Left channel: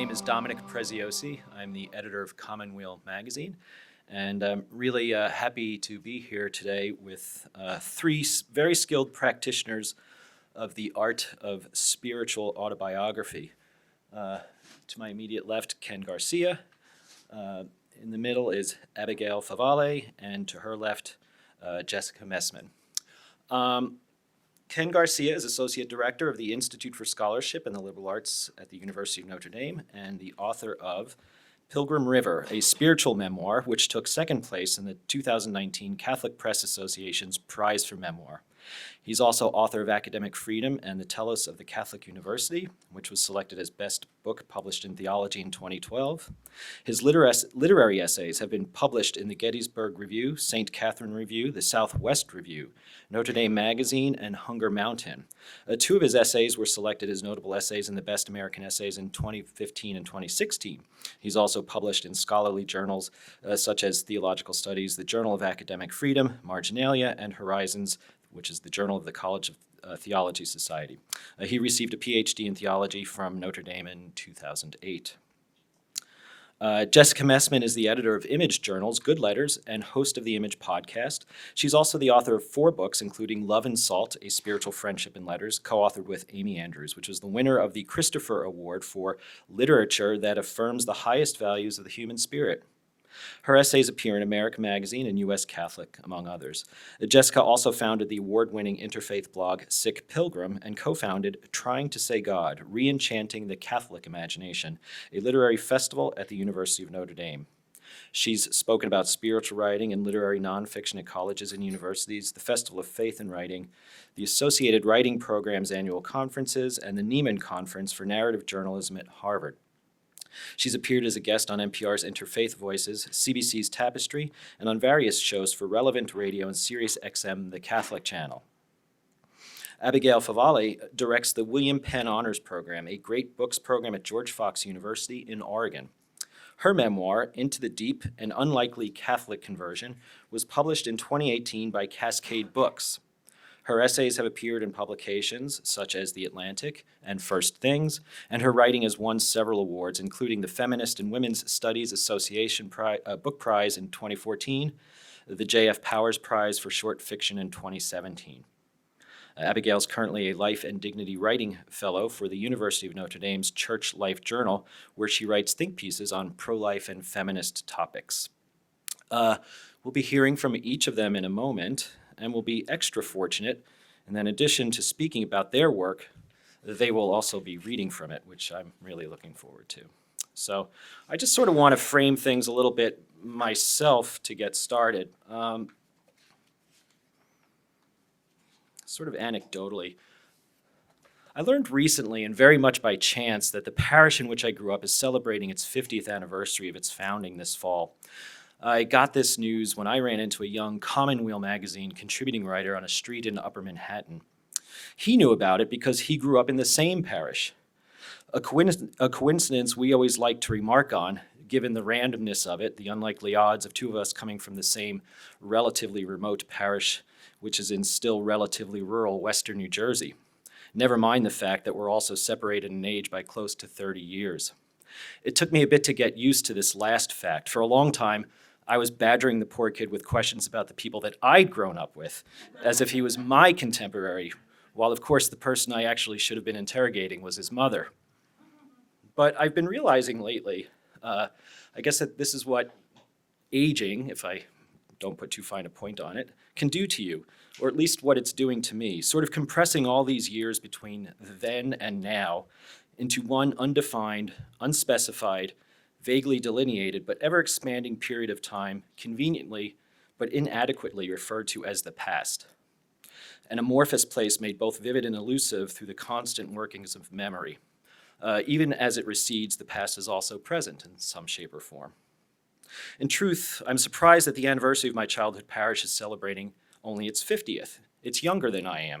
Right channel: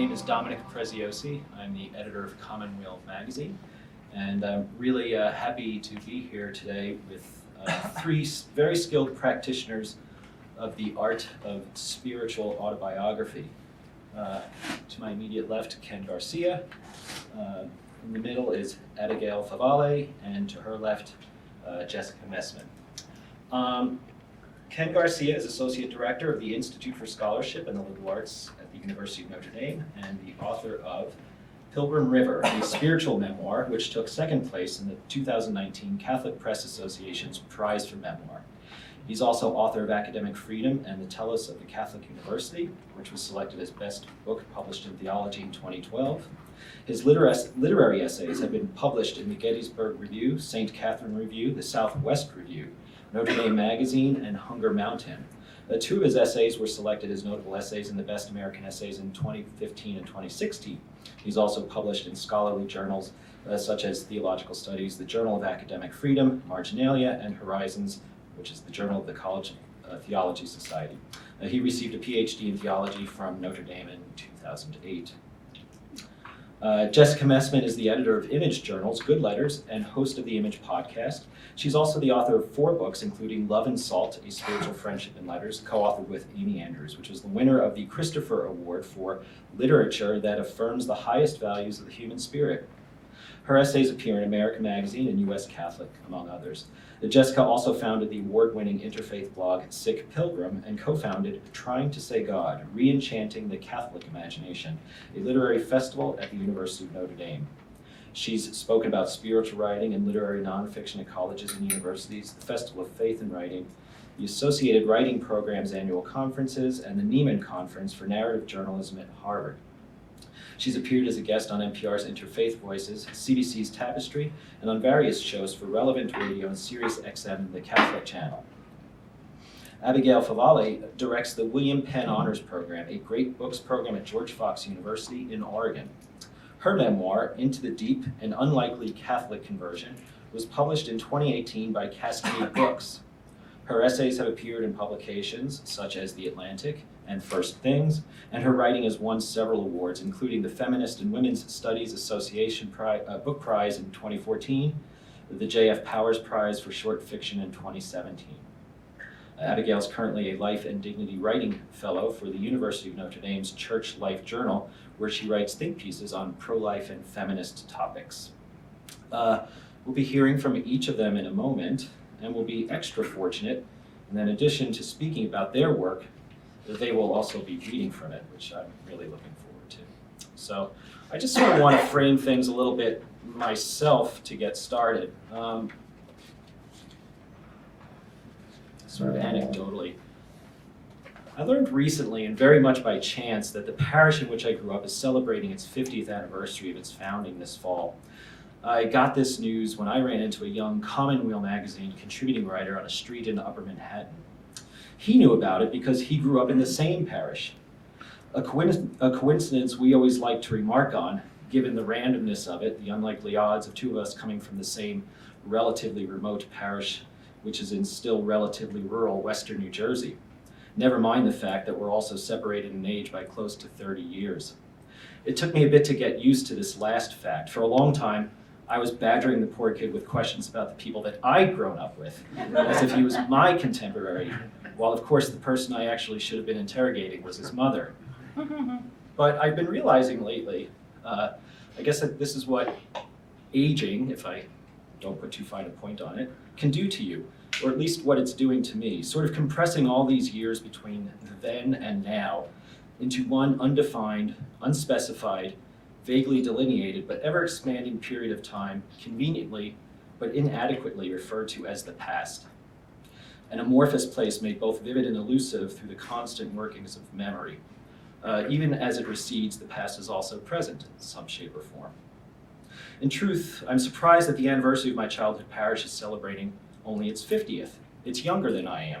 name is Dominic Preziosi. I'm the editor of Commonweal magazine, and I'm really happy to be here today with three very skilled practitioners of the art of spiritual autobiography. To my immediate left, Ken Garcia. In the middle is Abigail Favale, and to her left, Jessica Messman. Ken Garcia is Associate Director of the Institute for Scholarship and the Liberal Arts at the University of Notre Dame and the author of Pilgrim River, a spiritual memoir which took second place in the 2019 Catholic Press Association's Prize for Memoir. He's also author of Academic Freedom and the Telos of the Catholic University, which was selected as Best Book Published in Theology in 2012. His literary essays have been published in the Gettysburg Review, St. Catherine Review, the Southwest Review, Notre Dame Magazine, and Hunger Mountain. Two of his essays were selected as notable essays in the Best American Essays in 2015 and 2016. He's also published in scholarly journals such as Theological Studies, the Journal of Academic Freedom, Marginalia, and Horizons, which is the Journal of the College of Theology Society. He received a PhD in theology from Notre Dame in 2008. Jessica Messman is the editor of Image Journals, Good Letters, and host of the Image podcast. She's also the author of 4 books, including Love and Salt, A Spiritual Friendship in Letters, co-authored with Amy Andrews, which was the winner of the Christopher Award for literature that affirms the highest values of the human spirit. Her essays appear in America Magazine and U.S. Catholic, among others. Jessica also founded the award-winning interfaith blog Sick Pilgrim and co-founded Trying to Say God, Re-Enchanting the Catholic Imagination, a literary festival at the University of Notre Dame. She's spoken about spiritual writing and literary nonfiction at colleges and universities, the Festival of Faith and Writing, the Associated Writing Program's annual conferences, and the Nieman Conference for Narrative Journalism at Harvard. She's appeared as a guest on NPR's Interfaith Voices, CBC's Tapestry, and on various shows for Relevant Radio and Sirius XM, the Catholic Channel. Abigail Favale directs the William Penn Honors Program, a great books program at George Fox University in Oregon. Her memoir, Into the Deep, An Unlikely Catholic Conversion, was published in 2018 by Cascade Books. Her essays have appeared in publications such as The Atlantic and First Things, and her writing has won several awards, including the Feminist and Women's Studies Association Book Prize in 2014, the J.F. Powers Prize for Short Fiction in 2017. Abigail is currently a Life and Dignity Writing Fellow for the University of Notre Dame's Church Life Journal, where she writes think pieces on pro-life and feminist topics. We'll be hearing from each of them in a moment, and we'll be extra fortunate, and in addition to speaking about their work, that they will also be reading from it, which I'm really looking forward to. So I just sort of want to frame things a little bit myself to get started. Sort of anecdotally, I learned recently, and very much by chance, that the parish in which I grew up is celebrating its 50th anniversary of its founding this fall. I got this news when I ran into a young Commonweal magazine contributing writer on a street in Upper Manhattan. He knew about it because he grew up in the same parish. A coincidence we always like to remark on, given the randomness of it, the unlikely odds of 2 of us coming from the same relatively remote parish, which is in still relatively rural western New Jersey. Never mind the fact that we're also separated in age by close to 30 years. It took me a bit to get used to this last fact. For a long time, I was badgering the poor kid with questions about the people that I'd grown up with, as if he was my contemporary, while of course the person I actually should have been interrogating was his mother. But I've been realizing lately, I guess that this is what aging, if I don't put too fine a point on it, can do to you, or at least what it's doing to me, sort of compressing all these years between then and now into one undefined, unspecified, vaguely delineated, but ever-expanding period of time, conveniently but inadequately referred to as the past. An amorphous place made both vivid and elusive through the constant workings of memory. Even as it recedes, the past is also present in some shape or form. In truth, I'm surprised that the anniversary of my childhood parish is celebrating only its 50th. It's younger than I am.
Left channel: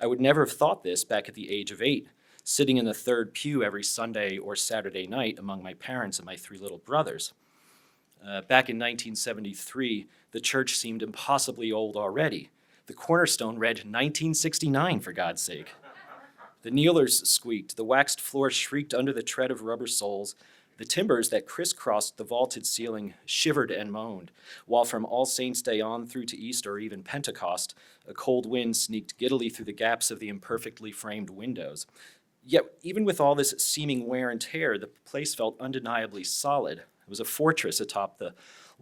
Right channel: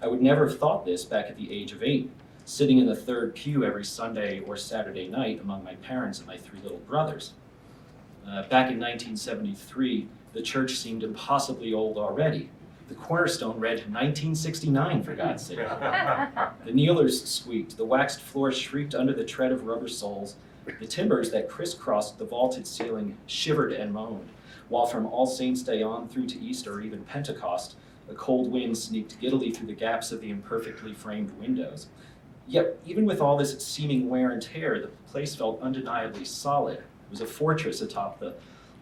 I would never have thought this back at the age of 8, sitting in the third pew every Sunday or Saturday night among my parents and my 3 little brothers. Back in 1973, the church seemed impossibly old already, The cornerstone read 1969, for God's sake. The kneelers squeaked, the waxed floor shrieked under the tread of rubber soles, the timbers that crisscrossed the vaulted ceiling shivered and moaned, while from All Saints' Day on through to Easter or even Pentecost, a cold wind sneaked giddily through the gaps of the imperfectly framed windows. Yet, even with all this seeming wear and tear, the place felt undeniably solid. It was a fortress atop the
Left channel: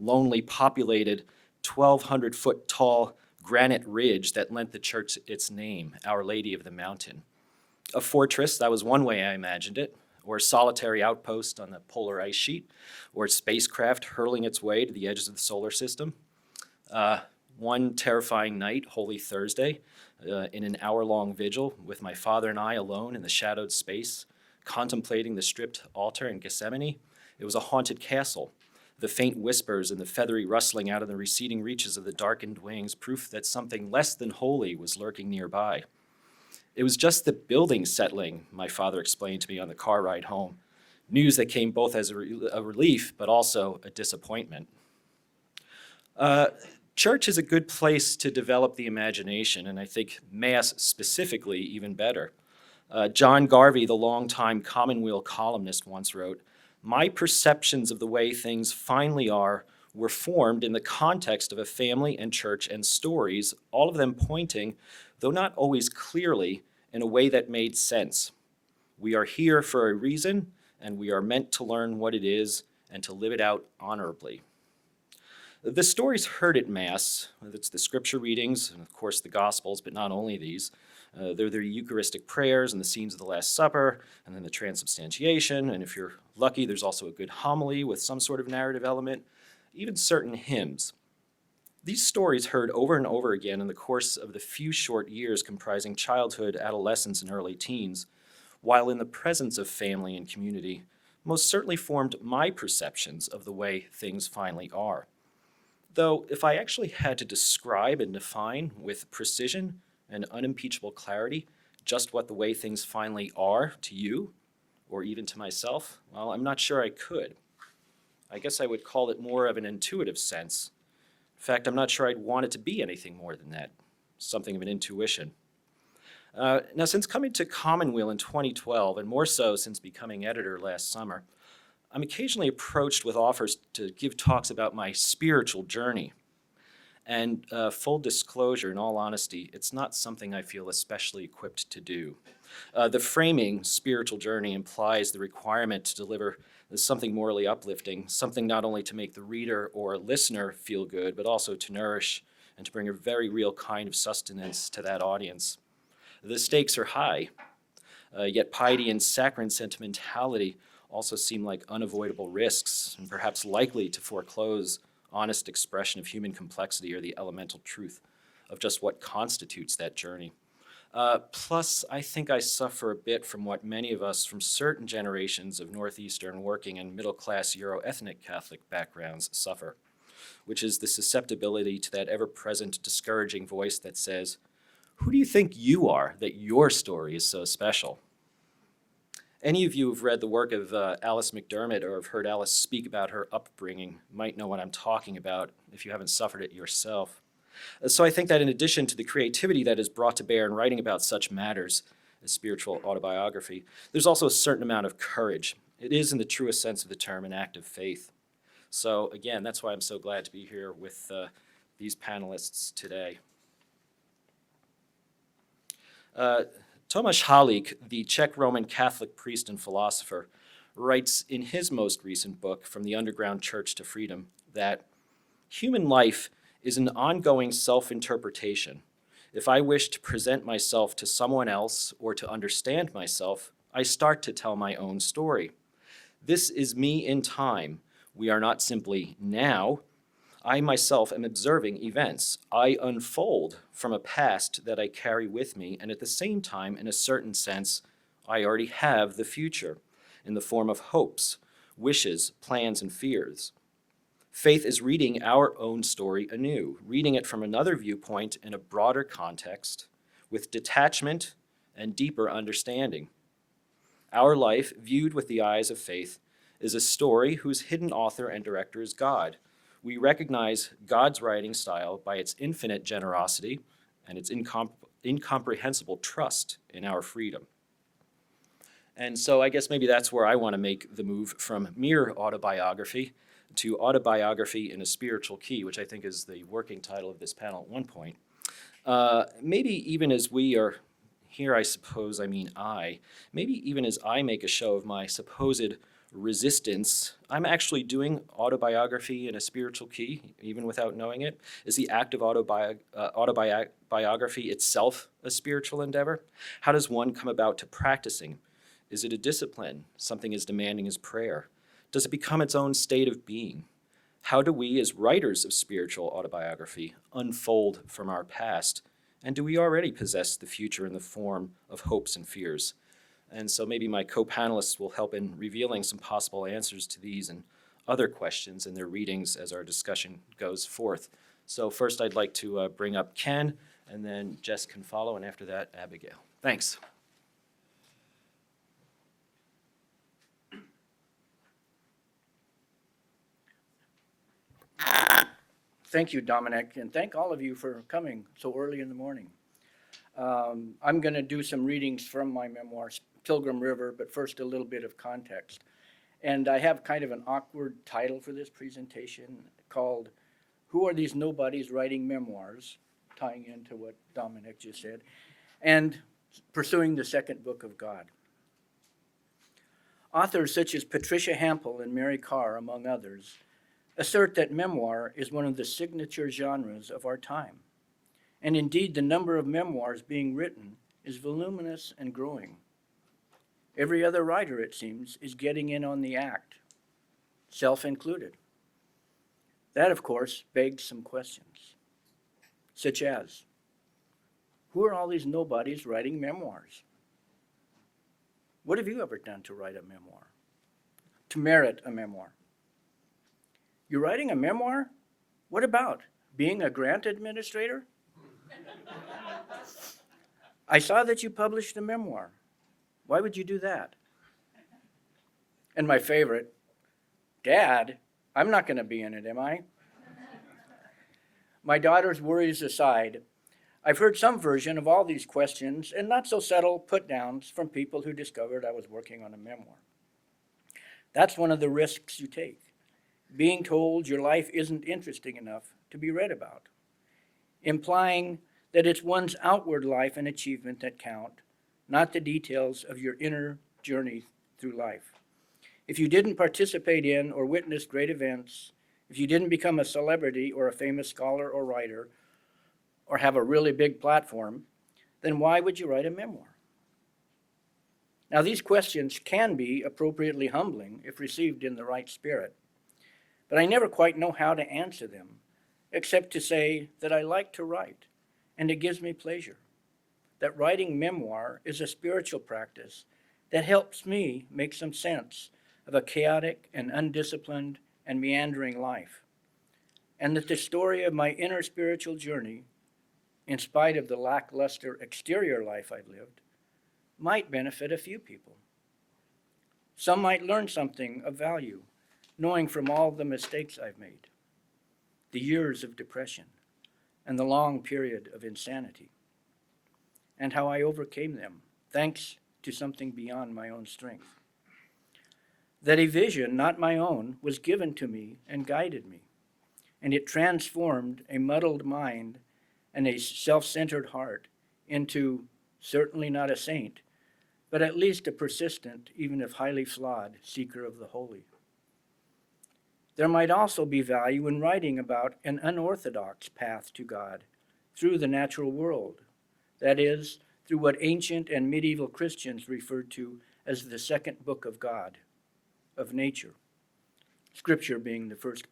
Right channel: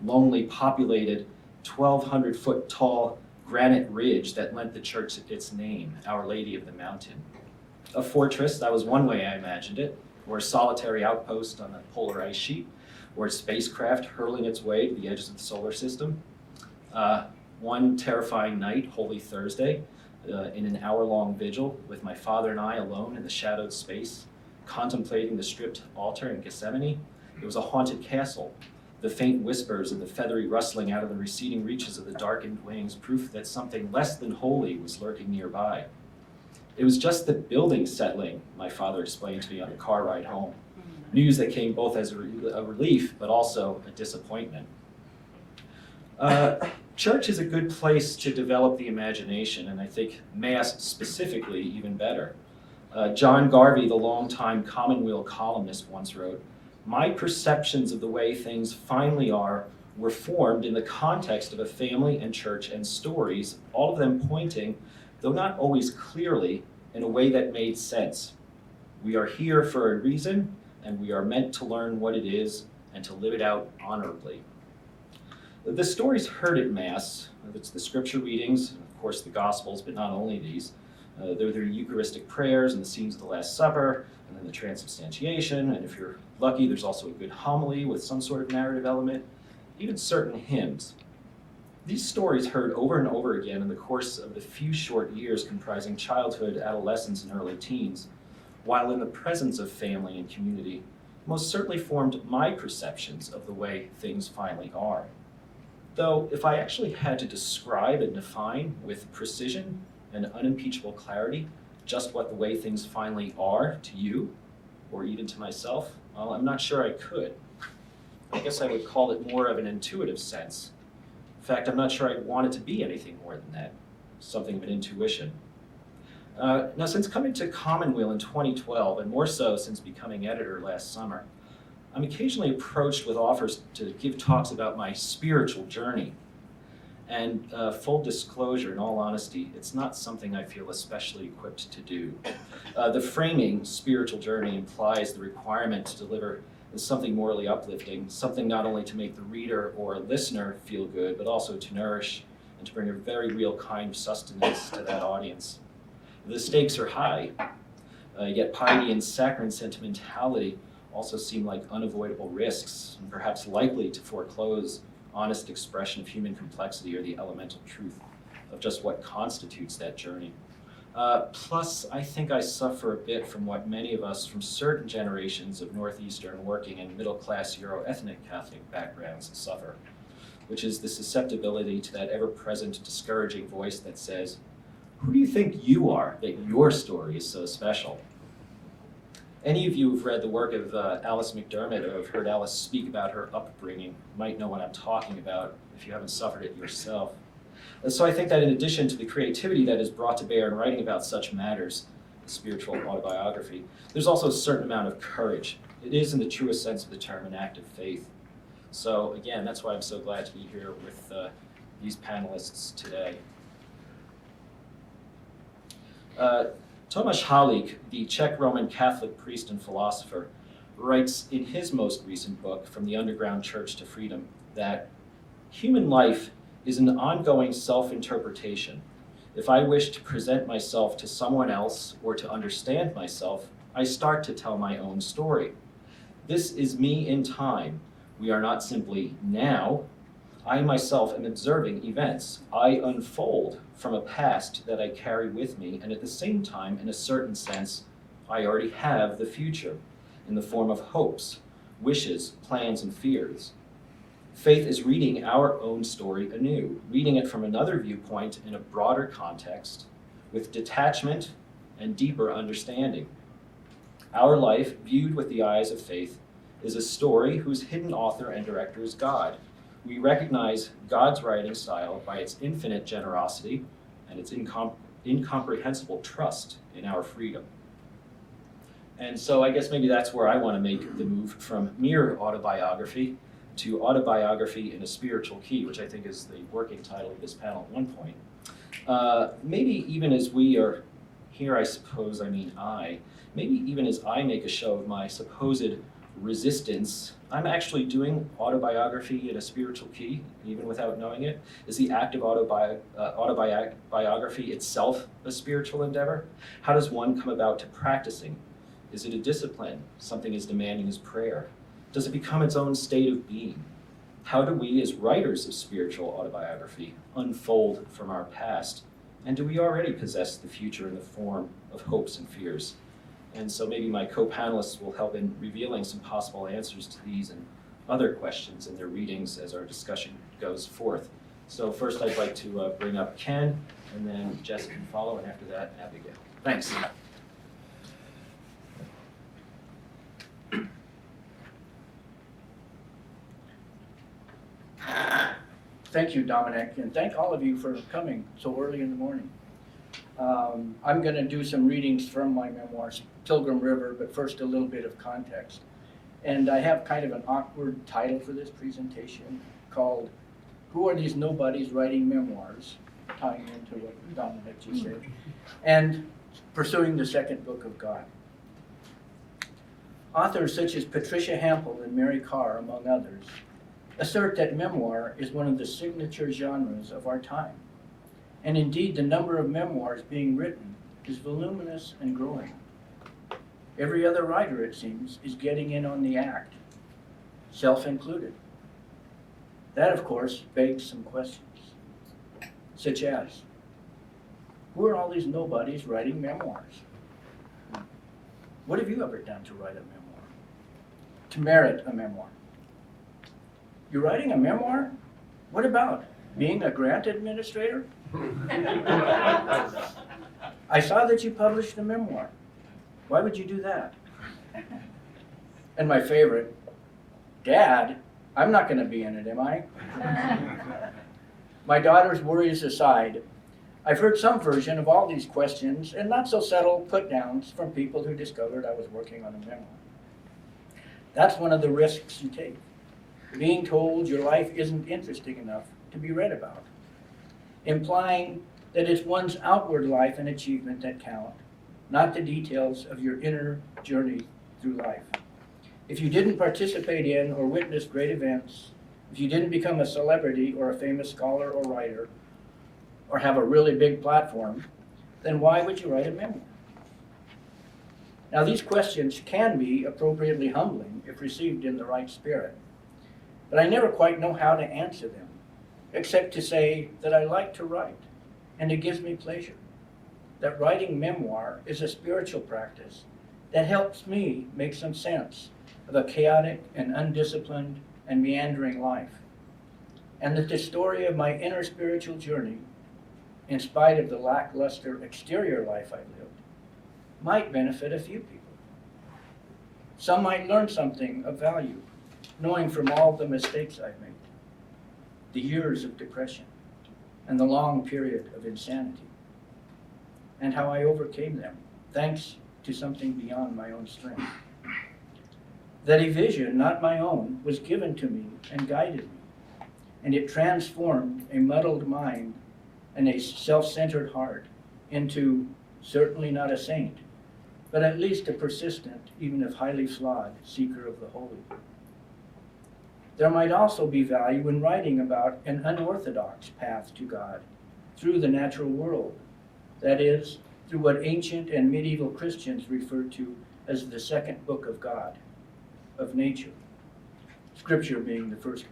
lonely, populated, 1,200-foot tall granite ridge that lent the church its name, Our Lady of the Mountain. A fortress, that was one way I imagined it, or a solitary outpost on a polar ice sheet, or a spacecraft hurling its way to the edges of the solar system. One terrifying night, Holy Thursday, in an hour-long vigil with my father and I alone in the shadowed space, contemplating the stripped altar in Gethsemane, it was a haunted castle. The faint whispers and the feathery rustling out of the receding reaches of the darkened wings, proof that something less than holy was lurking nearby. It was just the building settling, my father explained to me on the car ride home. News that came both as a relief, but also a disappointment. Church is a good place to develop the imagination, and I think Mass specifically even better. John Garvey, the longtime Commonweal columnist, once wrote, "My perceptions of the way things finally are were formed in the context of a family and church and stories, all of them pointing, though not always clearly, in a way that made sense. We are here for a reason, and we are meant to learn what it is and to live it out honorably." The stories heard at Mass, it's the scripture readings, and of course the Gospels, but not only these, they're the Eucharistic prayers and the scenes of the Last Supper, and then the transubstantiation, and if you're lucky, there's also a good homily with some sort of narrative element, even certain hymns. These stories heard over and over again in the course of the few short years comprising childhood, adolescence, and early teens, while in the presence of family and community, most certainly formed my perceptions of the way things finally are. Though, if I actually had to describe and define with precision and unimpeachable clarity just what the way things finally are to you, or even to myself, well, I'm not sure I could. I guess I would call it more of an intuitive sense. In fact, I'm not sure I'd want it to be anything more than that, something of an intuition. Now, since coming to Commonweal in 2012, and more so since becoming editor last summer, I'm occasionally approached with offers to give talks about my spiritual journey. And full disclosure, in all honesty, it's not something I feel especially equipped to do. The framing, spiritual journey, implies the requirement to deliver something morally uplifting, something not only to make the reader or listener feel good, but also to nourish and to bring a very real kind of sustenance to that audience. The stakes are high, yet piety and saccharine sentimentality also seem like unavoidable risks, and perhaps likely to foreclose honest expression of human complexity or the elemental truth of just what constitutes that journey. Plus, I think I suffer a bit from what many of us from certain generations of Northeastern working and middle-class Euro-ethnic Catholic backgrounds suffer, which is the susceptibility to that ever-present discouraging voice that says, "Who do you think you are that your story is so special?" Any of you who've read the work of Alice McDermott or have heard Alice speak about her upbringing might know what I'm talking about if you haven't suffered it yourself. So I think that in addition to the creativity that is brought to bear in writing about such matters, the spiritual autobiography, there's also a certain amount of courage. It is, in the truest sense of the term, an act of faith. So again, that's why I'm so glad to be here with these panelists today. Tomáš Halík, the Czech Roman Catholic priest and philosopher, writes in his most recent book, From the Underground Church to Freedom, that human life is an ongoing self-interpretation. If I wish to present myself to someone else or to understand myself, I start to tell my own story. This is me in time. We are not simply now. I myself am observing events. I unfold from a past that I carry with me, and at the same time, in a certain sense, I already have the future in the form of hopes, wishes, plans, and fears. Faith is reading our own story anew, reading it from another viewpoint in a broader context, with detachment and deeper understanding. Our life, viewed with the eyes of faith, is a story whose hidden author and director is God. We recognize God's writing style by its infinite generosity, and its incomprehensible trust in our freedom. And so I guess maybe that's where I want to make the move from mere autobiography to autobiography in a spiritual key, which I think is the working title of this panel at one point. Maybe even as we are here, maybe even as I make a show of my supposed resistance, I'm actually doing autobiography in a spiritual key, even without knowing it. Is the act of autobiography itself a spiritual endeavor? How does one come about to practicing? Is it a discipline, something as demanding as prayer? Does it become its own state of being? How do we, as writers of spiritual autobiography, unfold from our past? And do we already possess the future in the form of hopes and fears? And so maybe my co-panelists will help in revealing some possible answers to these and other questions in their readings as our discussion goes forth. So first I'd like to bring up Ken, and then Jess can follow, and after that, Abigail. Thanks. Thank you, Dominic, and thank all of you for coming so early in the morning. I'm going to do some readings from my memoirs, Pilgrim River, but first a little bit of context. And I have kind of an awkward title for this presentation called, Who Are These Nobodies Writing Memoirs? Tying into what Dominic just said, and Pursuing the Second Book of God. Authors such as Patricia Hampel and Mary Carr, among others, assert that memoir is one of the signature genres of our time. And indeed, the number of memoirs being written is voluminous and growing. Every other writer, it seems, is getting in on the act, self included. That, of course, begs some questions, such as, who are all these nobodies writing memoirs? What have you ever done to write a memoir? To merit a memoir? You're writing a memoir? What about? Being a grant administrator? I saw that you published a memoir. Why would you do that? And my favorite, Dad, I'm not going to be in it, am I? My daughter's worries aside, I've heard some version of all these questions and not so subtle put-downs from people who discovered I was working on a memoir. That's one of the risks you take, being told your life isn't interesting enough to be read about, implying that it's one's outward life and achievement that count, not the details of your inner journey through life. If you didn't participate in or witness great events, if you didn't become a celebrity or a famous scholar or writer, or have a really big platform, then why would you write a memoir? Now, these questions can be appropriately humbling if received in the right spirit, but I never quite know how to answer them, except to say that I like to write, and it gives me pleasure. That writing memoir is a spiritual practice that helps me make some sense of a chaotic and undisciplined and meandering life, and that the story of my inner spiritual journey, in spite of the lackluster exterior life I've lived, might benefit a few people. Some might learn something of value, knowing from all the mistakes I've made, the years of depression, and the long period of insanity, and how I overcame them, thanks to something beyond my own strength. That a vision, not my own, was given to me and guided me, and it transformed a muddled mind and a self-centered heart into certainly not a saint, but at least a persistent, even if highly flawed, seeker of the holy. There might also be value in writing about an unorthodox path to God through the natural world, that is, through what ancient and medieval Christians referred to as the second book of God, of nature, Scripture being the first book.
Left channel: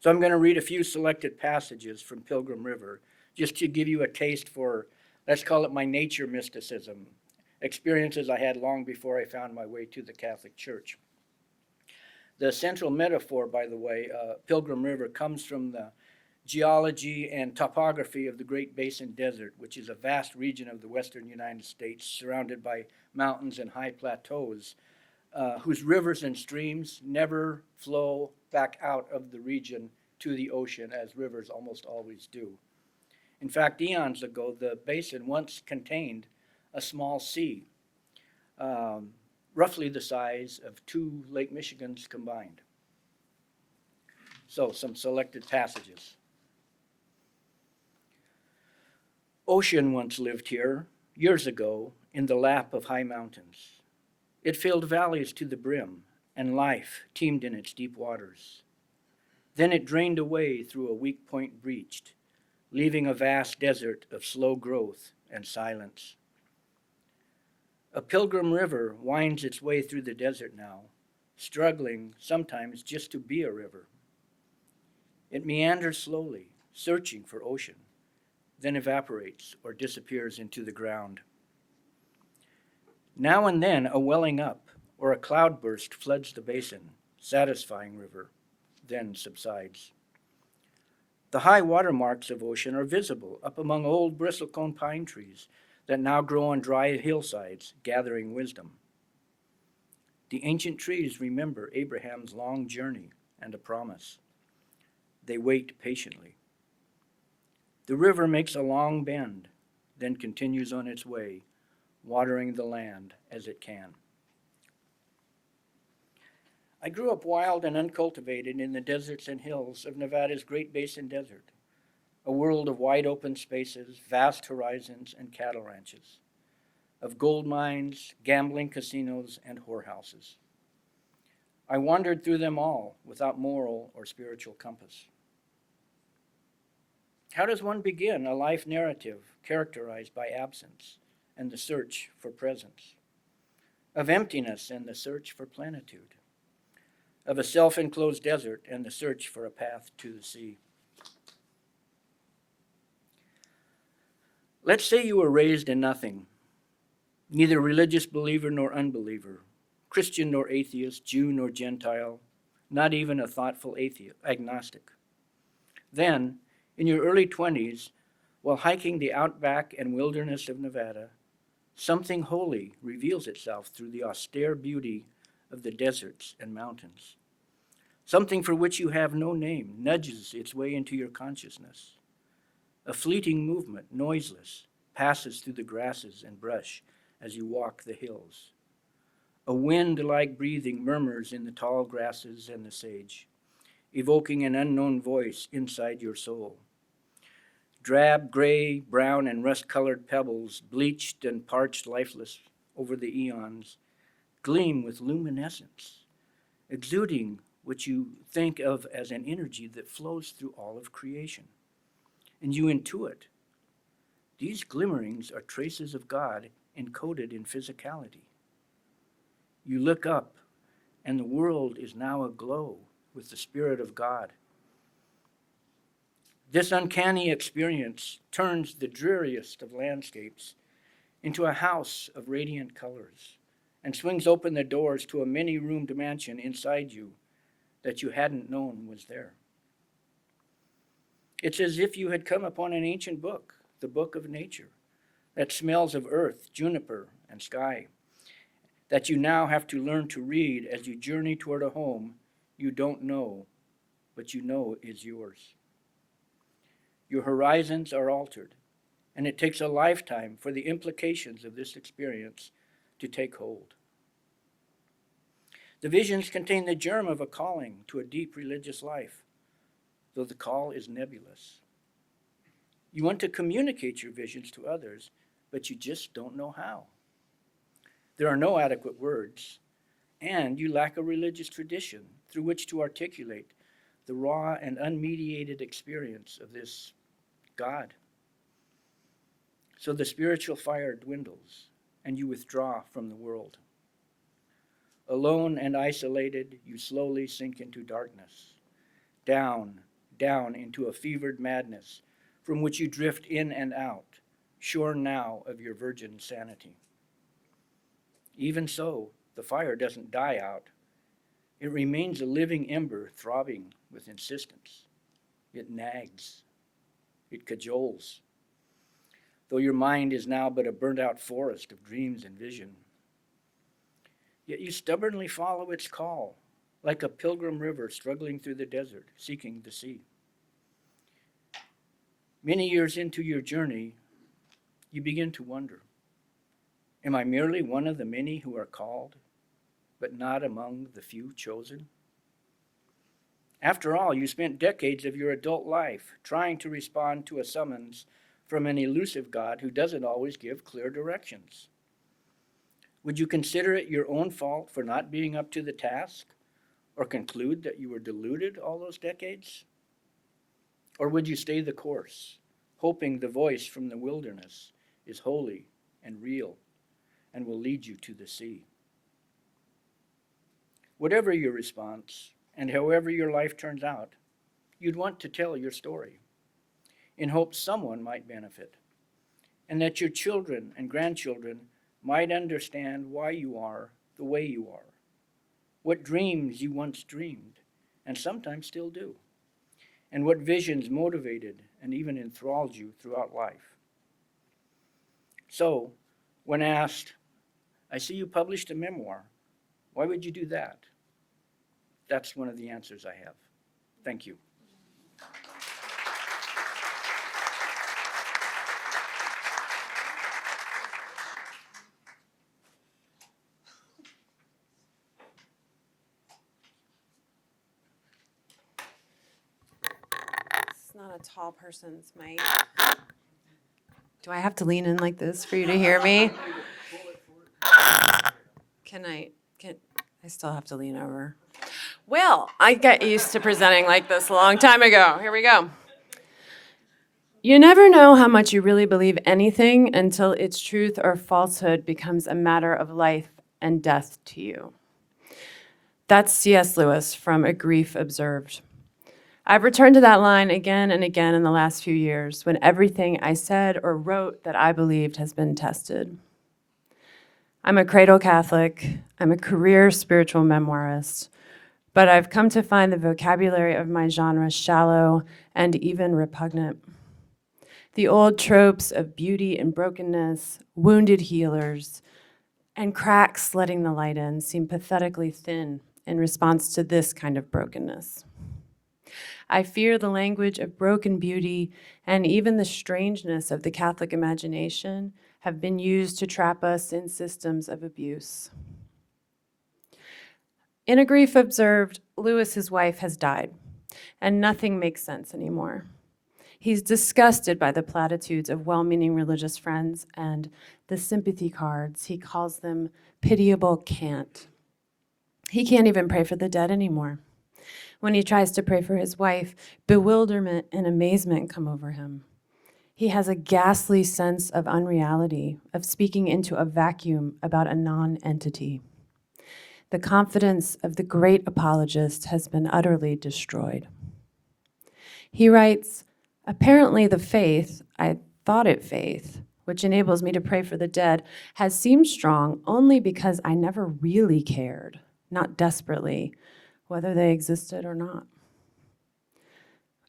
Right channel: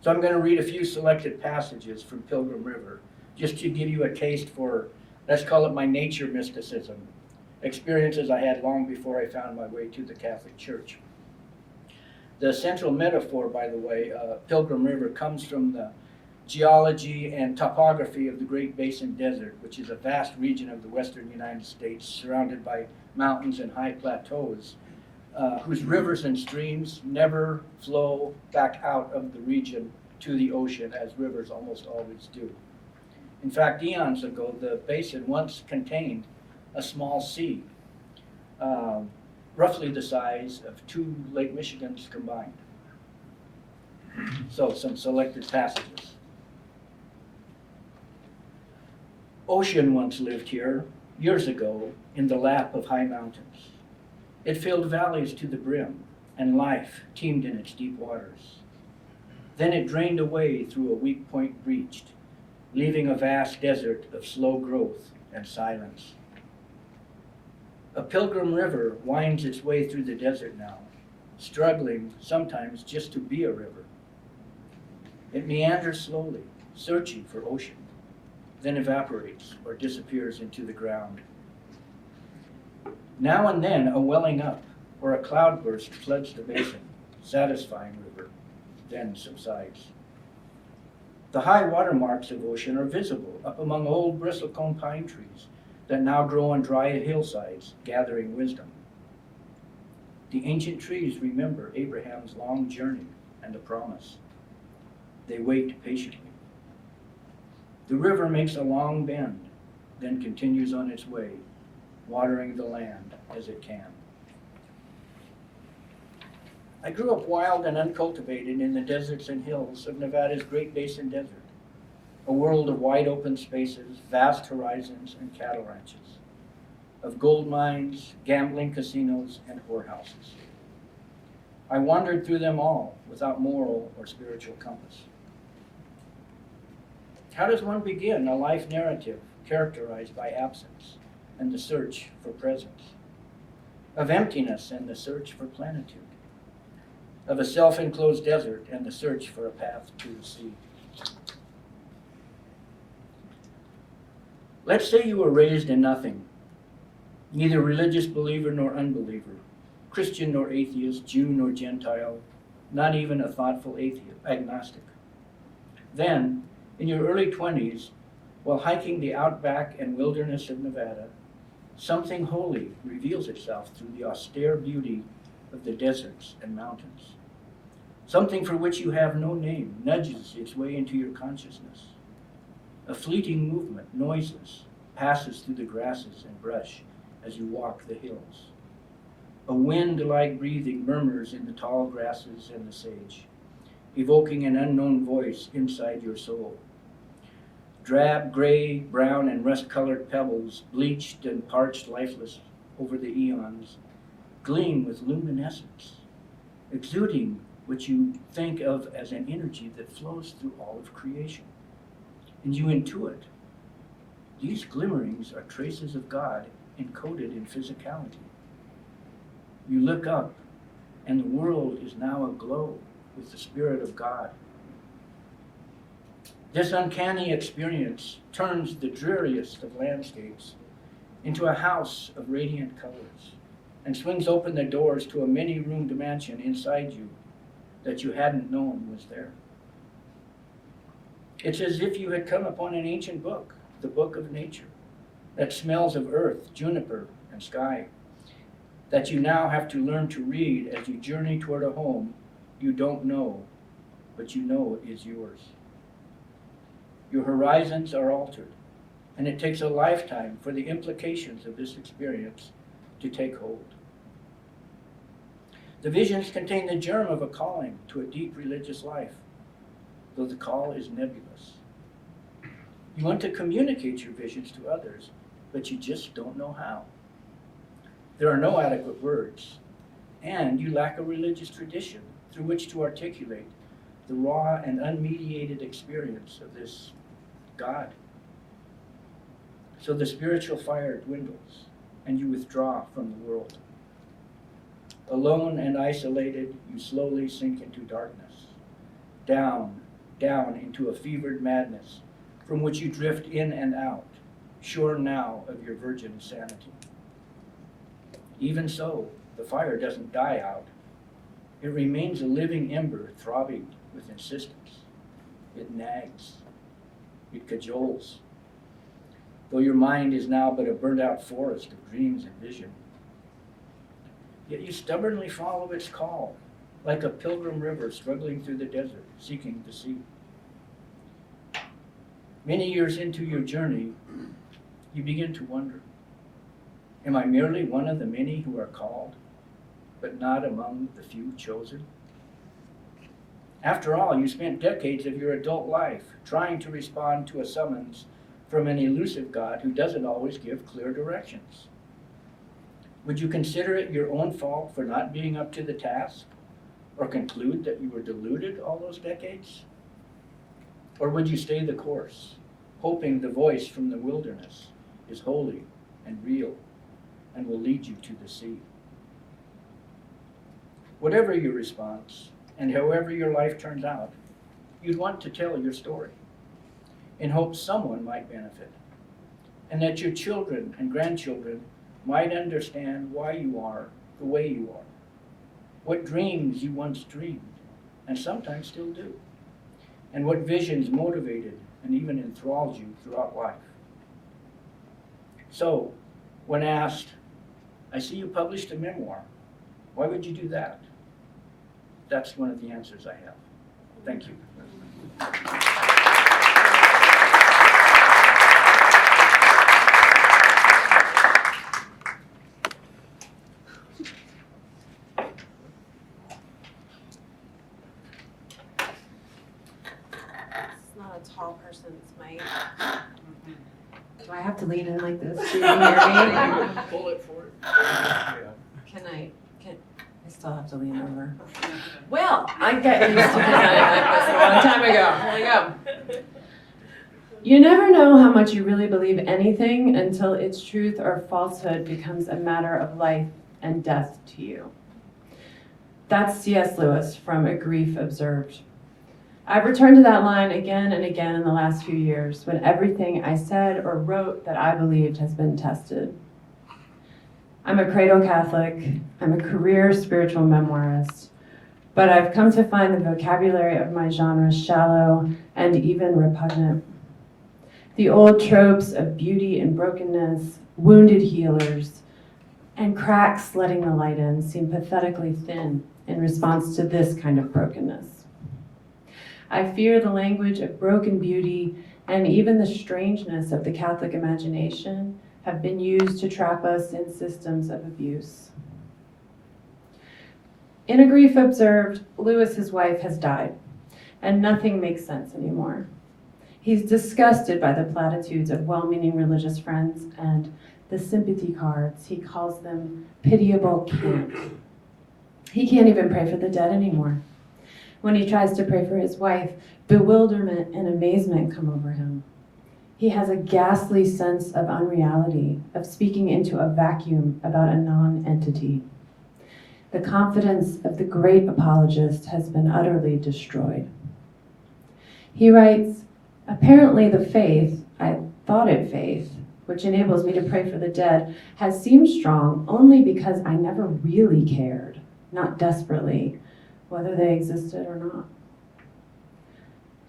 So I'm going to read a few selected passages from Pilgrim River, just to give you a taste for, let's call it my nature mysticism, experiences I had long before I found my way to the Catholic Church. The central metaphor, by the way, Pilgrim River, comes from the geology and topography of the Great Basin Desert, which is a vast region of the western United States surrounded by mountains and high plateaus, whose rivers and streams never flow back out of the region to the ocean, as rivers almost always do. In fact, eons ago, the basin once contained a small sea, roughly the size of 2 Lake Michigans combined. So, some selected passages. Ocean once lived here, years ago, in the lap of high mountains. It filled valleys to the brim, and life teemed in its deep waters. Then it drained away through a weak point breached, leaving a vast desert of slow growth and silence. A pilgrim river winds its way through the desert now, struggling sometimes just to be a river. It meanders slowly, searching for ocean, then evaporates or disappears into the ground. Now and then a welling up or a cloudburst floods the basin, satisfying river, then subsides. The high water marks of ocean are visible up among old bristlecone pine trees that now grow on dry hillsides, gathering wisdom. The ancient trees remember Abraham's long journey and a promise. They wait patiently. The river makes a long bend, then continues on its way, watering the land as it can. I grew up wild and uncultivated in the deserts and hills of Nevada's Great Basin Desert, a world of wide open spaces, vast horizons, and cattle ranches, of gold mines, gambling casinos, and whorehouses. I wandered through them all without moral or spiritual compass. How does one begin a life narrative characterized by absence and the search for presence, of emptiness and the search for plenitude, of a self-enclosed desert and the search for a path to the sea? Let's say you were raised in nothing, neither religious believer nor unbeliever, Christian nor atheist, Jew nor Gentile, not even a thoughtful agnostic. Then, in your early 20s, while hiking the outback and wilderness of Nevada, something holy reveals itself through the austere beauty of the deserts and mountains. Something for which you have no name nudges its way into your consciousness. A fleeting movement, noiseless, passes through the grasses and brush as you walk the hills. A wind-like breathing murmurs in the tall grasses and the sage, evoking an unknown voice inside your soul. Drab, gray, brown, and rust-colored pebbles, bleached and parched lifeless over the eons, gleam with luminescence, exuding what you think of as an energy that flows through all of creation. And you intuit, these glimmerings are traces of God encoded in physicality. You look up, and the world is now aglow with the Spirit of God. This uncanny experience turns the dreariest of landscapes into a house of radiant colors and swings open the doors to a many-roomed mansion inside you that you hadn't known was there. It's as if you had come upon an ancient book, the book of nature, that smells of earth, juniper, and sky, that you now have to learn to read as you journey toward a home you don't know, but you know is yours. Your horizons are altered, and it takes a lifetime for the implications of this experience to take hold. The visions contain the germ of a calling to a deep religious life, though the call is nebulous. You want to communicate your visions to others, but you just don't know how. There are no adequate words, and you lack a religious tradition through which to articulate the raw and unmediated experience of this God. So the spiritual fire dwindles, and you withdraw from the world. Alone and isolated, you slowly sink into darkness, down into a fevered madness from which you drift in and out, sure now of your virgin sanity. Even so, the fire doesn't die out. It remains a living ember throbbing with insistence. It nags. It cajoles. Though your mind is now but a burnt-out forest of dreams and vision. Yet you stubbornly follow its call, like a pilgrim river struggling through the desert, seeking the sea. Many years into your journey, you begin to wonder, am I merely one of the many who are called, but not among the few chosen? After all, you spent decades of your adult life trying to respond to a summons from an elusive God who doesn't always give clear directions. Would you consider it your own fault for not being up to the task, or conclude that you were deluded all those decades? Or would you stay the course, hoping the voice from the wilderness is holy and real and will lead you to the sea? Whatever your response, and however your life turns out, you'd want to tell your story in hopes someone might benefit, and that your children and grandchildren might understand why you are the way you are, what dreams you once dreamed, and sometimes still do, and what visions motivated and even enthralled you throughout life. So, when asked, I see you published a memoir, why would you do that? That's one of the answers I have. Thank you. It's not a tall person's mic. Do I have to lean in like this for you to hear me? Pull it forward. Can I still have to lean over. Well, I got used to presenting like this a long time ago. Here we go. You never know how much you really believe anything until its truth or falsehood becomes a matter of life and death to you. That's C.S. Lewis from A Grief Observed. I've returned to that line again and again in the last few years when everything I said or wrote that I believed has been tested. I'm a cradle Catholic, I'm a career spiritual memoirist, but I've come to find the vocabulary of my genre shallow and even repugnant. The old tropes of beauty and brokenness, wounded healers, and cracks letting the light in seem pathetically thin in response to this kind of brokenness. I fear the language of broken beauty and even the strangeness of the Catholic imagination have been used to trap us in systems of abuse. In A Grief Observed, Lewis's wife has died, and nothing makes sense anymore. He's disgusted by the platitudes of well-meaning religious friends and the sympathy cards. He calls them pitiable cant. He can't even pray for the dead anymore. When he tries to pray for his wife, bewilderment and amazement come over him. He has a ghastly sense of unreality, of speaking into a vacuum about a non-entity. The confidence of the great apologist has been utterly destroyed. He writes, apparently the faith, I thought it faith, which enables me to pray for the dead, has seemed strong only because I never really cared, not desperately, whether they existed or not.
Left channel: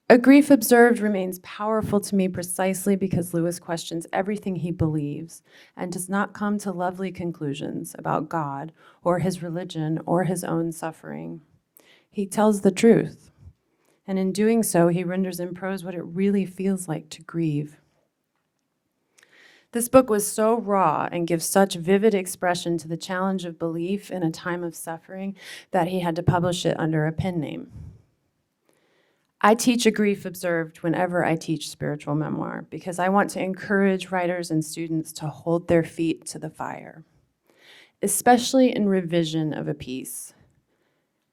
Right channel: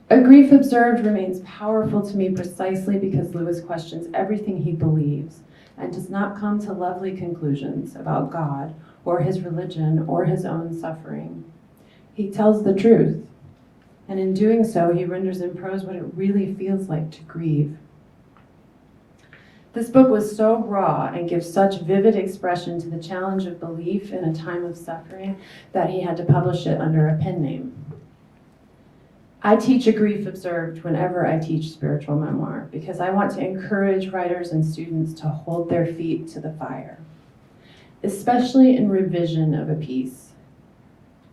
A Grief Observed remains powerful to me precisely because Lewis questions everything he believes and does not come to lovely conclusions about God or his religion or his own suffering. He tells the truth, and in doing so, he renders in prose what it really feels like to grieve. This book was so raw and gives such vivid expression to the challenge of belief in a time of suffering that he had to publish it under a pen name. I teach A Grief Observed whenever I teach spiritual memoir because I want to encourage writers and students to hold their feet to the fire, especially in revision of a piece.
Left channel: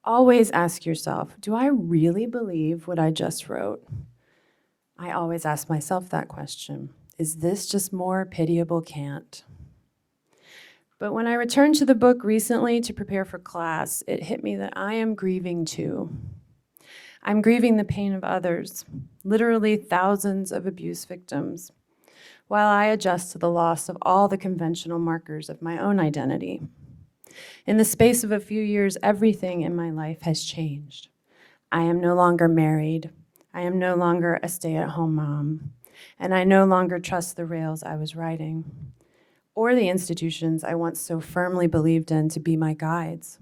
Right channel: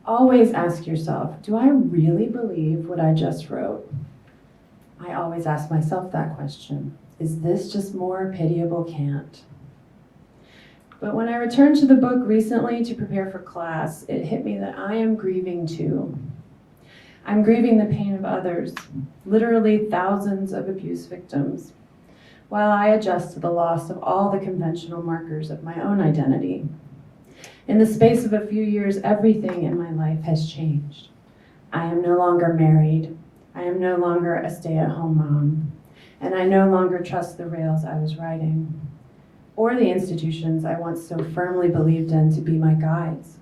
Always ask yourself, do I really believe what I just wrote? I always ask myself that question. Is this just more pitiable cant? But when I returned to the book recently to prepare for class, it hit me that I am grieving too. I'm grieving the pain of others, literally thousands of abuse victims, while I adjust to the loss of all the conventional markers of my own identity. In the space of a few years, everything in my life has changed. I am no longer married. I am no longer a stay-at-home mom. And I no longer trust the rails I was riding, or the institutions I once so firmly believed in to be my guides.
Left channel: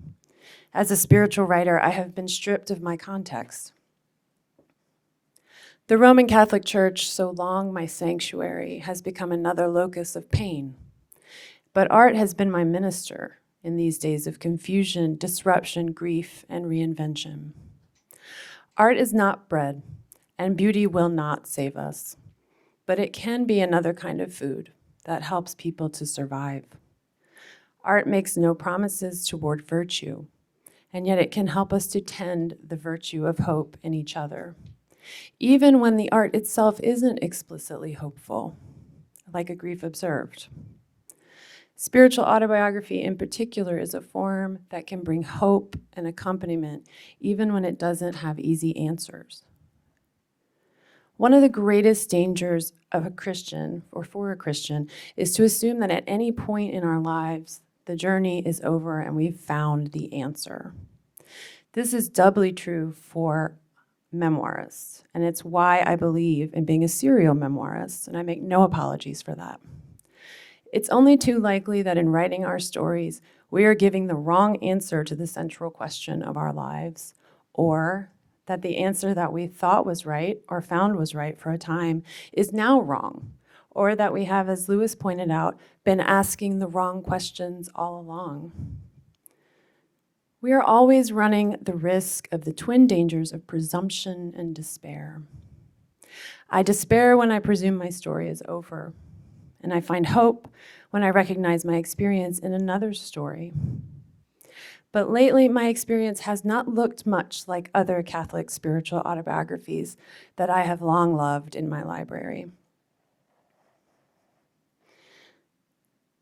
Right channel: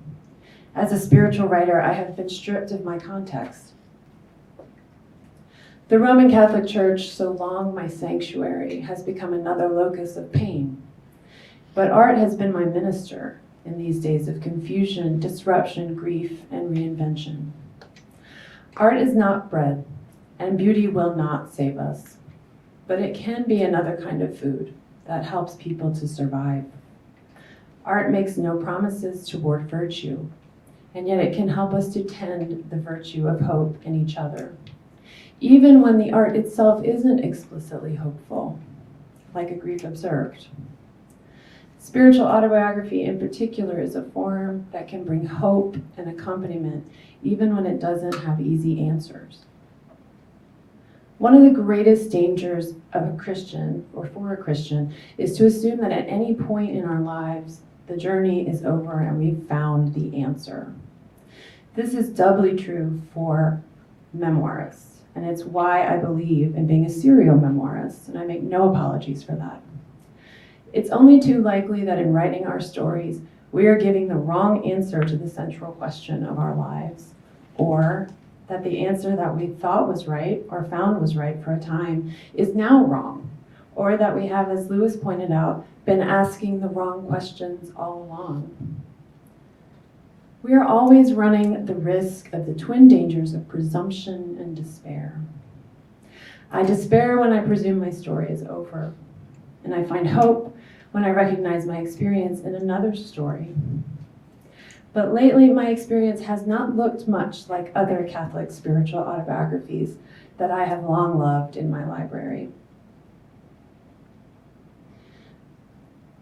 As a spiritual writer, I have been stripped of my context. The Roman Catholic Church, so long my sanctuary, has become another locus of pain. But art has been my minister in these days of confusion, disruption, grief, and reinvention. Art is not bread, and beauty will not save us, but it can be another kind of food that helps people to survive. Art makes no promises toward virtue, and yet it can help us to tend the virtue of hope in each other, even when the art itself isn't explicitly hopeful, like a grief observed. Spiritual autobiography in particular is a form that can bring hope and accompaniment, even when it doesn't have easy answers. One of the greatest dangers of a Christian, or for a Christian, is to assume that at any point in our lives, the journey is over and we've found the answer. This is doubly true for memoirists, and it's why I believe in being a serial memoirist, and I make no apologies for that. It's only too likely that in writing our stories, we are giving the wrong answer to the central question of our lives, or that the answer that we thought was right or found was right for a time is now wrong, or that we have, as Lewis pointed out, been asking the wrong questions all along. We are always running the risk of the twin dangers of presumption and despair. I despair when I presume my story is over, and I find hope when I recognize my experience in another's story. But lately, my experience has not looked much like other Catholic spiritual autobiographies that I have long loved in my library.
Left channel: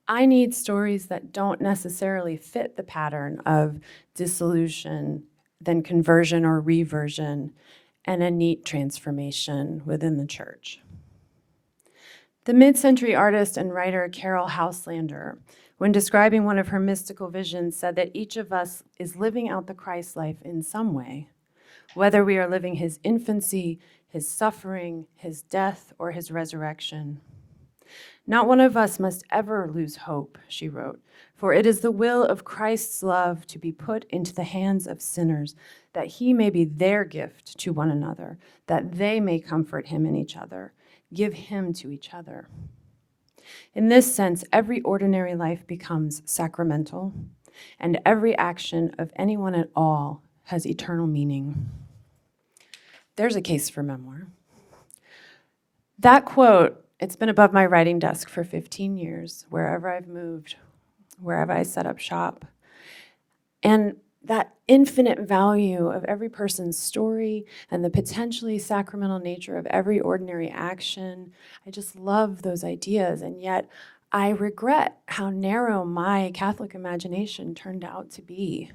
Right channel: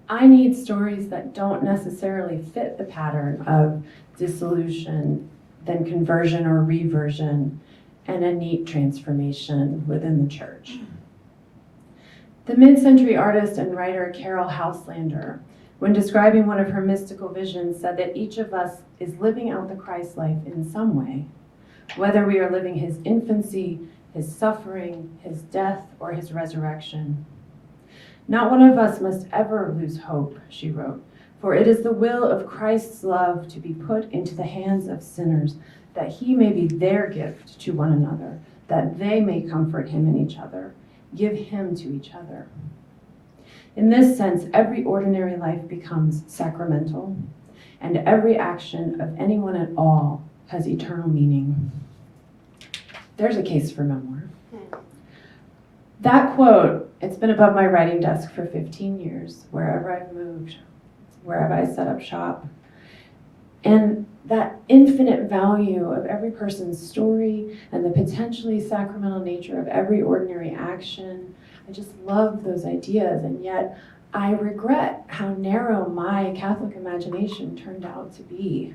I need stories that don't necessarily fit the pattern of dissolution, then conversion or reversion, and a neat transformation within the church. The mid-century artist and writer Carol Houselander, when describing one of her mystical visions, said that each of us is living out the Christ life in some way, whether we are living his infancy, his suffering, his death, or his resurrection. Not one of us must ever lose hope, she wrote, for it is the will of Christ's love to be put into the hands of sinners, that he may be their gift to one another, that they may comfort him in each other, give him to each other. In this sense, every ordinary life becomes sacramental, and every action of anyone at all has eternal meaning. There's a case for memoir. That quote, it's been above my writing desk for 15 years, wherever I've moved, wherever I set up shop. And that infinite value of every person's story and the potentially sacramental nature of every ordinary action, I just love those ideas, and yet I regret how narrow my Catholic imagination turned out to be.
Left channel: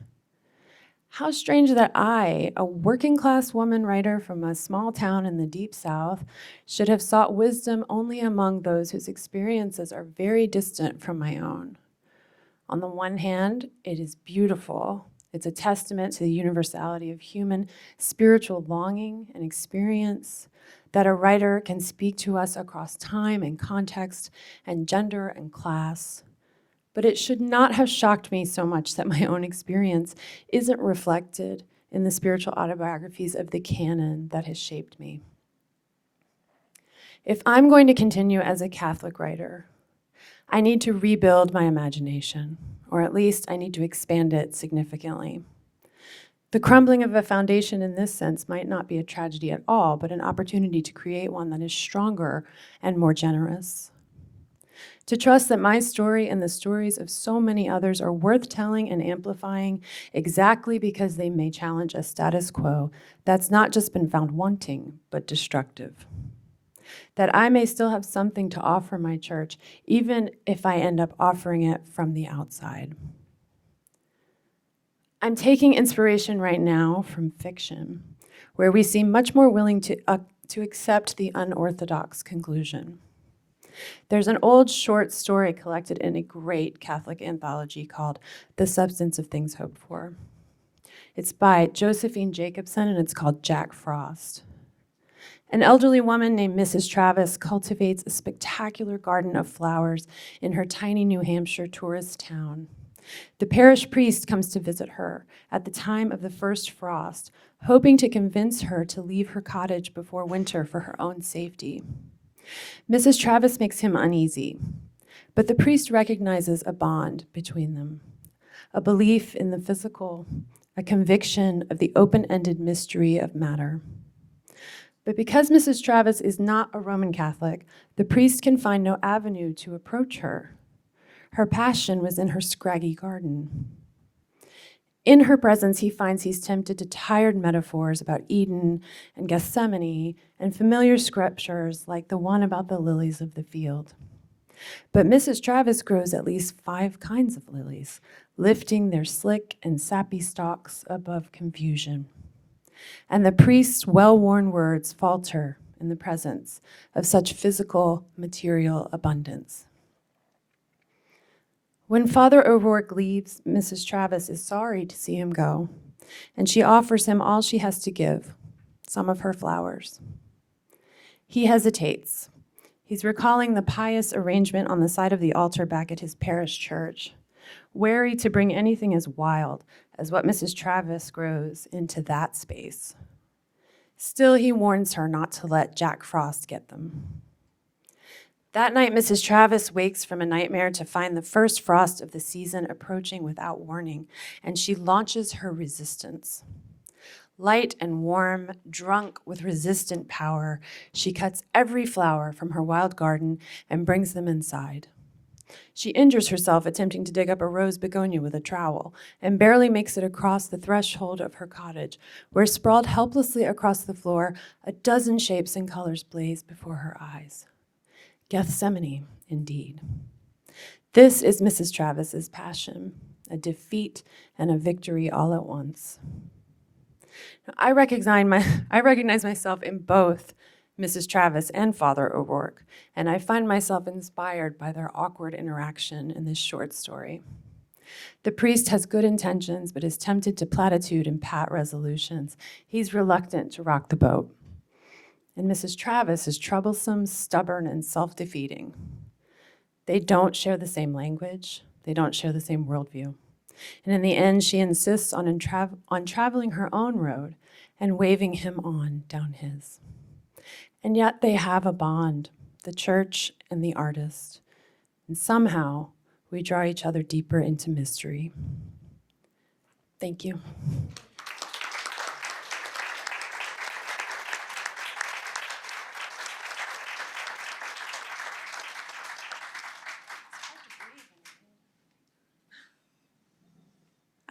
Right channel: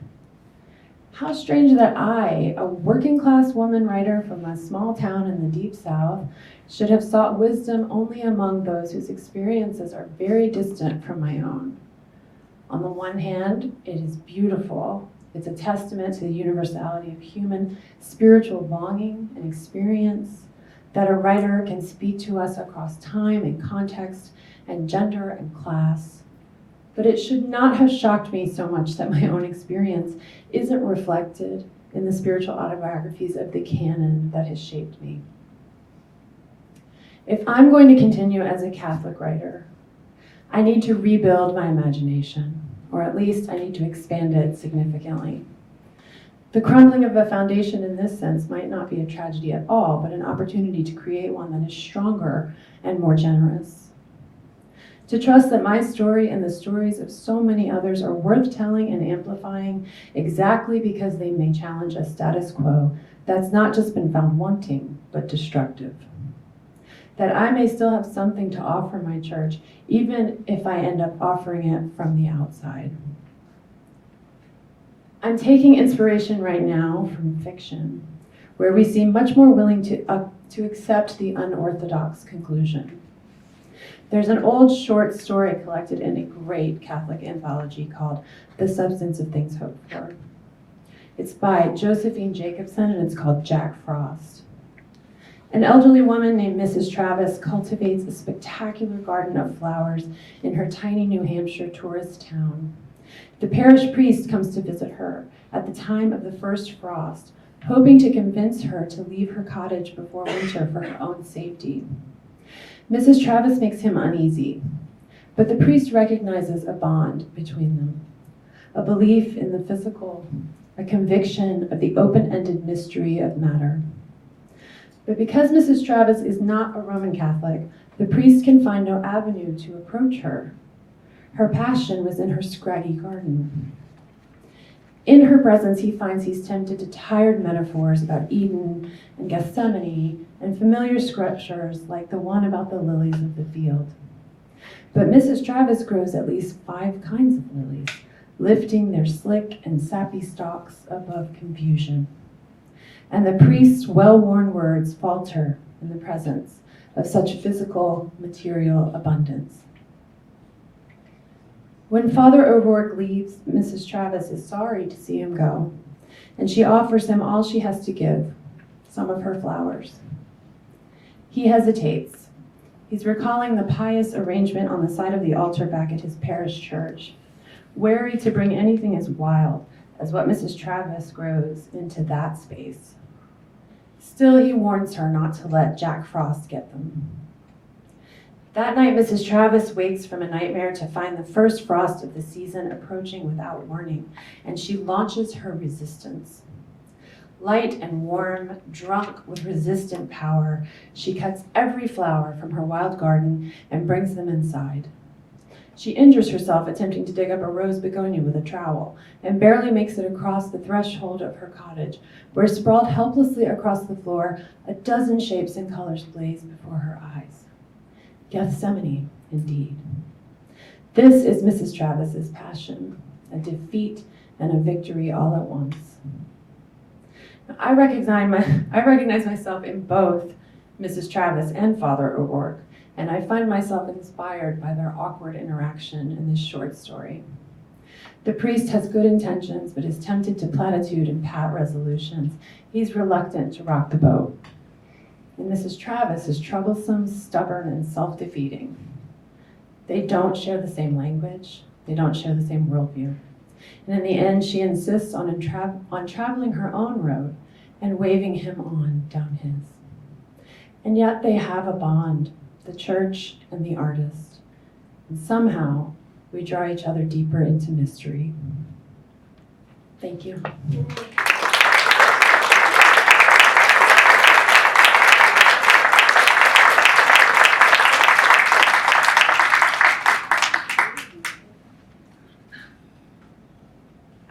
How strange that I, a working class woman writer from a small town in the deep South, should have sought wisdom only among those whose experiences are very distant from my own. On the one hand, it is beautiful. It's a testament to the universality of human spiritual longing and experience, that a writer can speak to us across time and context and gender and class. But it should not have shocked me so much that my own experience isn't reflected in the spiritual autobiographies of the canon that has shaped me. If I'm going to continue as a Catholic writer, I need to rebuild my imagination, or at least I need to expand it significantly. The crumbling of a foundation in this sense might not be a tragedy at all, but an opportunity to create one that is stronger and more generous. To trust that my story and the stories of so many others are worth telling and amplifying exactly because they may challenge a status quo that's not just been found wanting, but destructive. That I may still have something to offer my church, even if I end up offering it from the outside. I'm taking inspiration right now from fiction, where we seem much more willing to accept the unorthodox conclusion. There's an old short story collected in a great Catholic anthology called The Substance of Things Hoped For. It's by Josephine Jacobson, and it's called Jack Frost. An elderly woman named Mrs. Travis cultivates a spectacular garden of flowers in her tiny New Hampshire tourist town. The parish priest comes to visit her at the time of the first frost, hoping to convince her to leave her cottage before winter for her own safety. Mrs. Travis makes him uneasy, but the priest recognizes a bond between them, a belief in the physical, a conviction of the open-ended mystery of matter. But because Mrs. Travis is not a Roman Catholic, the priest can find no avenue to approach her. Her passion was in her scraggy garden. In her presence, he finds he's tempted to tired metaphors about Eden and Gethsemane and familiar scriptures like the one about the lilies of the field. But Mrs. Travis grows at least 5 kinds of lilies, lifting their slick and sappy stalks above confusion. And the priest's well-worn words falter in the presence of such physical, material abundance. When Father O'Rourke leaves, Mrs. Travis is sorry to see him go, and she offers him all she has to give, some of her flowers. He hesitates. He's recalling the pious arrangement on the side of the altar back at his parish church, wary to bring anything as wild as what Mrs. Travis grows into that space. Still, he warns her not to let Jack Frost get them. That night, Mrs. Travis wakes from a nightmare to find the first frost of the season approaching without warning, and she launches her resistance. Light and warm, drunk with resistant power, she cuts every flower from her wild garden and brings them inside. She injures herself attempting to dig up a rose begonia with a trowel and barely makes it across the threshold of her cottage, where sprawled helplessly across the floor, a dozen shapes and colors blaze before her eyes. Gethsemane, indeed. This is Mrs. Travis's passion, a defeat and a victory all at once. I recognize myself in both Mrs. Travis and Father O'Rourke, and I find myself inspired by their awkward interaction in this short story. The priest has good intentions, but is tempted to platitude and pat resolutions. He's reluctant to rock the boat. And Mrs. Travis is troublesome, stubborn, and self-defeating. They don't share the same language. They don't share the same worldview. And in the end, she insists on traveling her own road and waving him on down his. And yet they have a bond, the church and the artist. And somehow we draw each other deeper into mystery. Thank you.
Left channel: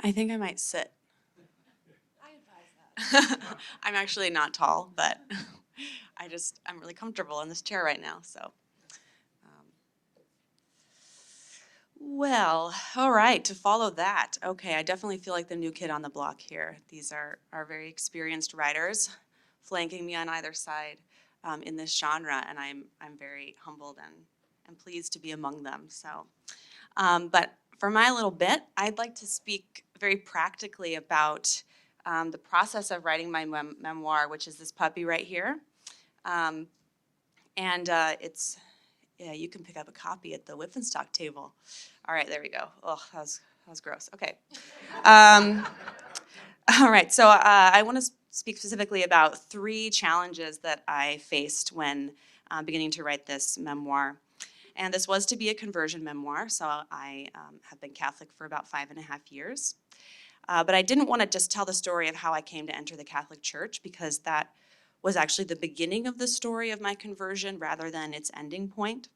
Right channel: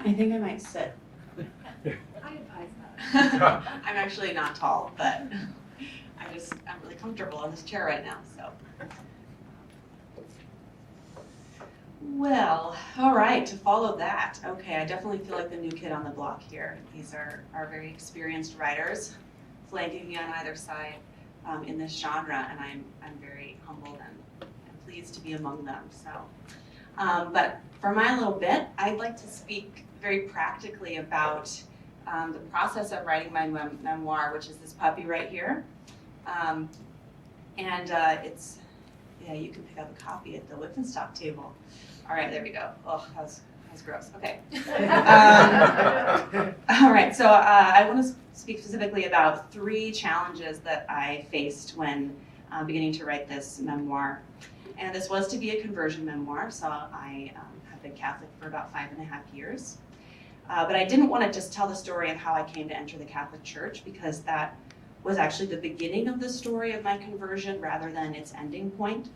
I think I might sit. I advise that. I'm actually not tall, but I'm really comfortable in this chair right now, so. Well, all right, to follow that, okay, I definitely feel like the new kid on the block here. These are very experienced writers flanking me on either side in this genre, and I'm very humbled and pleased to be among them, so. But for my little bit, I'd like to speak very practically about the process of writing my memoir, which is this puppy right here. It's, yeah, you can pick up a copy at the Whiffenstock table. All right, there we go. Oh, that was gross. Okay. All right, so I want to speak specifically about 3 challenges that I faced when beginning to write this memoir. And this was to be a conversion memoir, so I have been Catholic for about 5.5 years. But I didn't want to just tell the story of how I came to enter the Catholic Church, because that was actually the beginning of the story of my conversion rather than its ending point.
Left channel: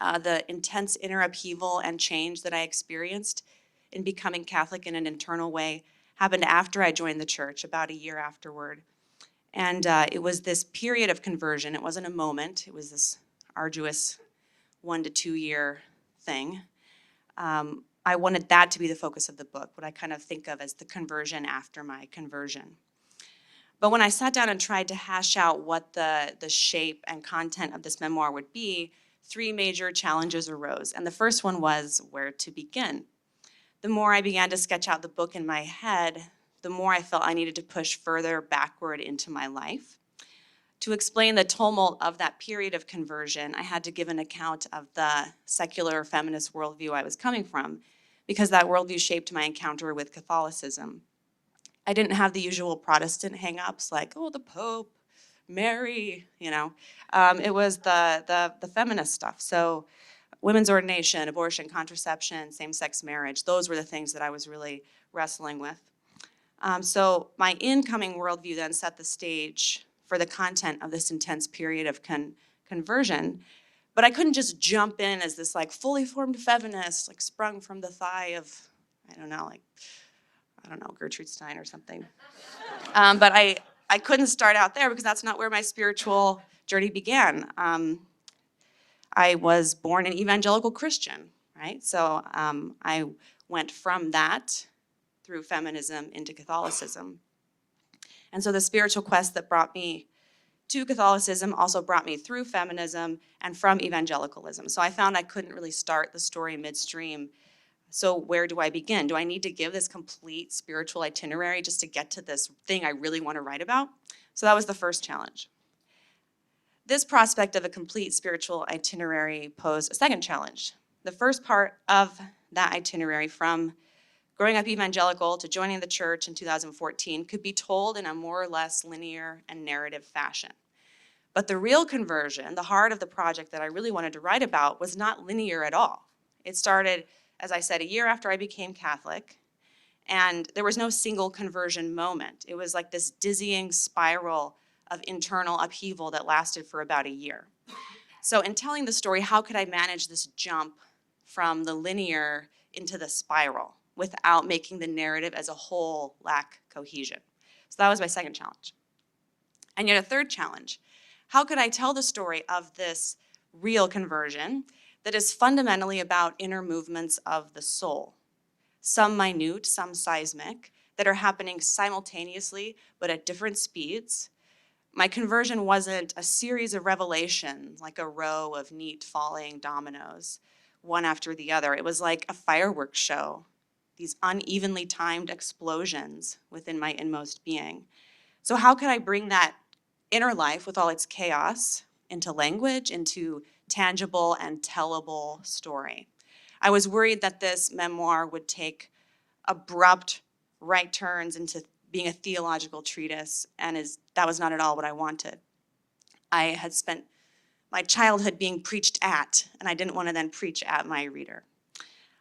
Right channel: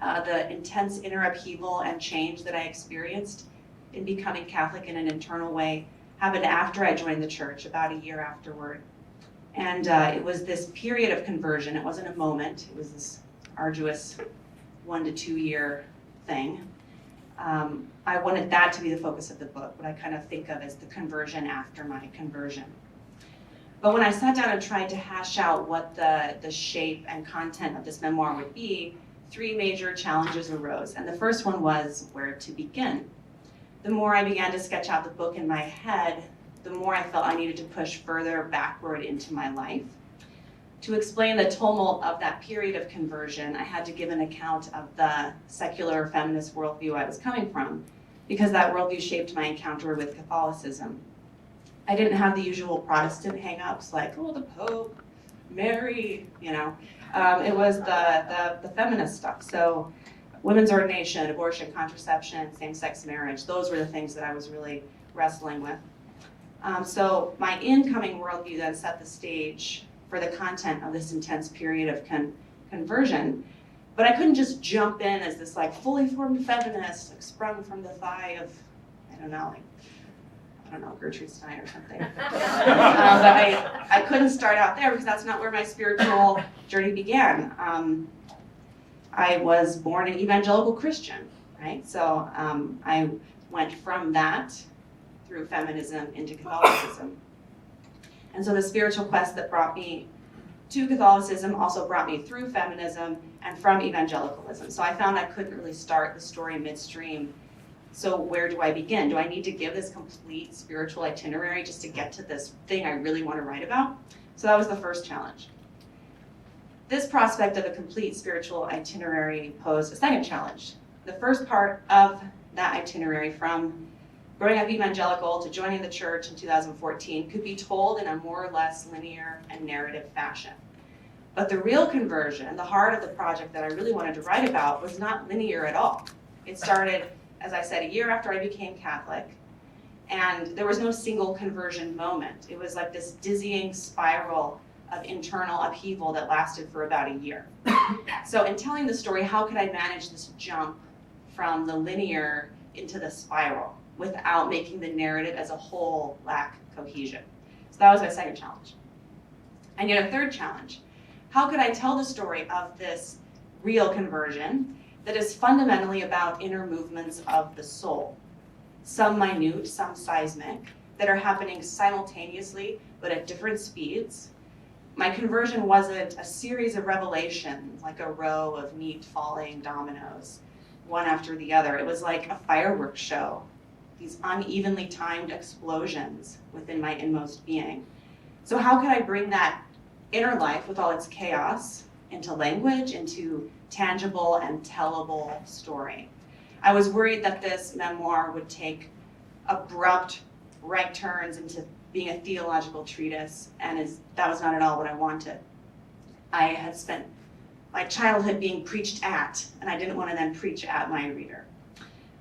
The intense inner upheaval and change that I experienced in becoming Catholic in an internal way happened after I joined the church, about a year afterward. And it was this period of conversion. It wasn't a moment. It was this arduous 1 to 2 year thing. I wanted that to be the focus of the book, what I kind of think of as the conversion after my conversion. But when I sat down and tried to hash out what the shape and content of this memoir would be, 3 major challenges arose. And the first one was where to begin. The more I began to sketch out the book in my head, the more I felt I needed to push further backward into my life. To explain the tumult of that period of conversion, I had to give an account of the secular feminist worldview I was coming from, because that worldview shaped my encounter with Catholicism. I didn't have the usual Protestant hang-ups like, oh, the Pope, Mary, It was the feminist stuff. So women's ordination, abortion, contraception, same-sex marriage, those were the things that I was really wrestling with. So my incoming worldview then set the stage for the content of this intense period of conversion. But I couldn't just jump in as this like fully formed feminist, like sprung from the thigh of, Gertrude Stein or something. But I couldn't start out there because that's not where my spiritual journey began. I was born an evangelical Christian, right? So I went from that through feminism into Catholicism. And so the spiritual quest that brought me to Catholicism also brought me through feminism and from evangelicalism. So I found I couldn't really start the story midstream. So where do I begin? Do I need to give this complete spiritual itinerary just to get to this thing I really want to write about? So that was the first challenge. This prospect of a complete spiritual itinerary posed a second challenge. The first part of that itinerary, from growing up evangelical to joining the church in 2014, could be told in a more or less linear and narrative fashion. But the real conversion, the heart of the project that I really wanted to write about, was not linear at all. It started, as I said, a year after I became Catholic, and there was no single conversion moment. It was like this dizzying spiral of internal upheaval that lasted for about a year. So in telling the story, how could I manage this jump from the linear into the spiral without making the narrative as a whole lack cohesion? So that was my second challenge. And yet a third challenge. How could I tell the story of this real conversion that is fundamentally about inner movements of the soul, some minute, some seismic, that are happening simultaneously but at different speeds? My conversion wasn't a series of revelations, like a row of neat falling dominoes, one after the other. It was like a fireworks show, these unevenly timed explosions within my inmost being. So how could I bring that inner life with all its chaos into language, into tangible and tellable story? I was worried that this memoir would take abrupt right turns into being a theological treatise, and that was not at all what I wanted. I had spent my childhood being preached at, and I didn't want to then preach at my reader.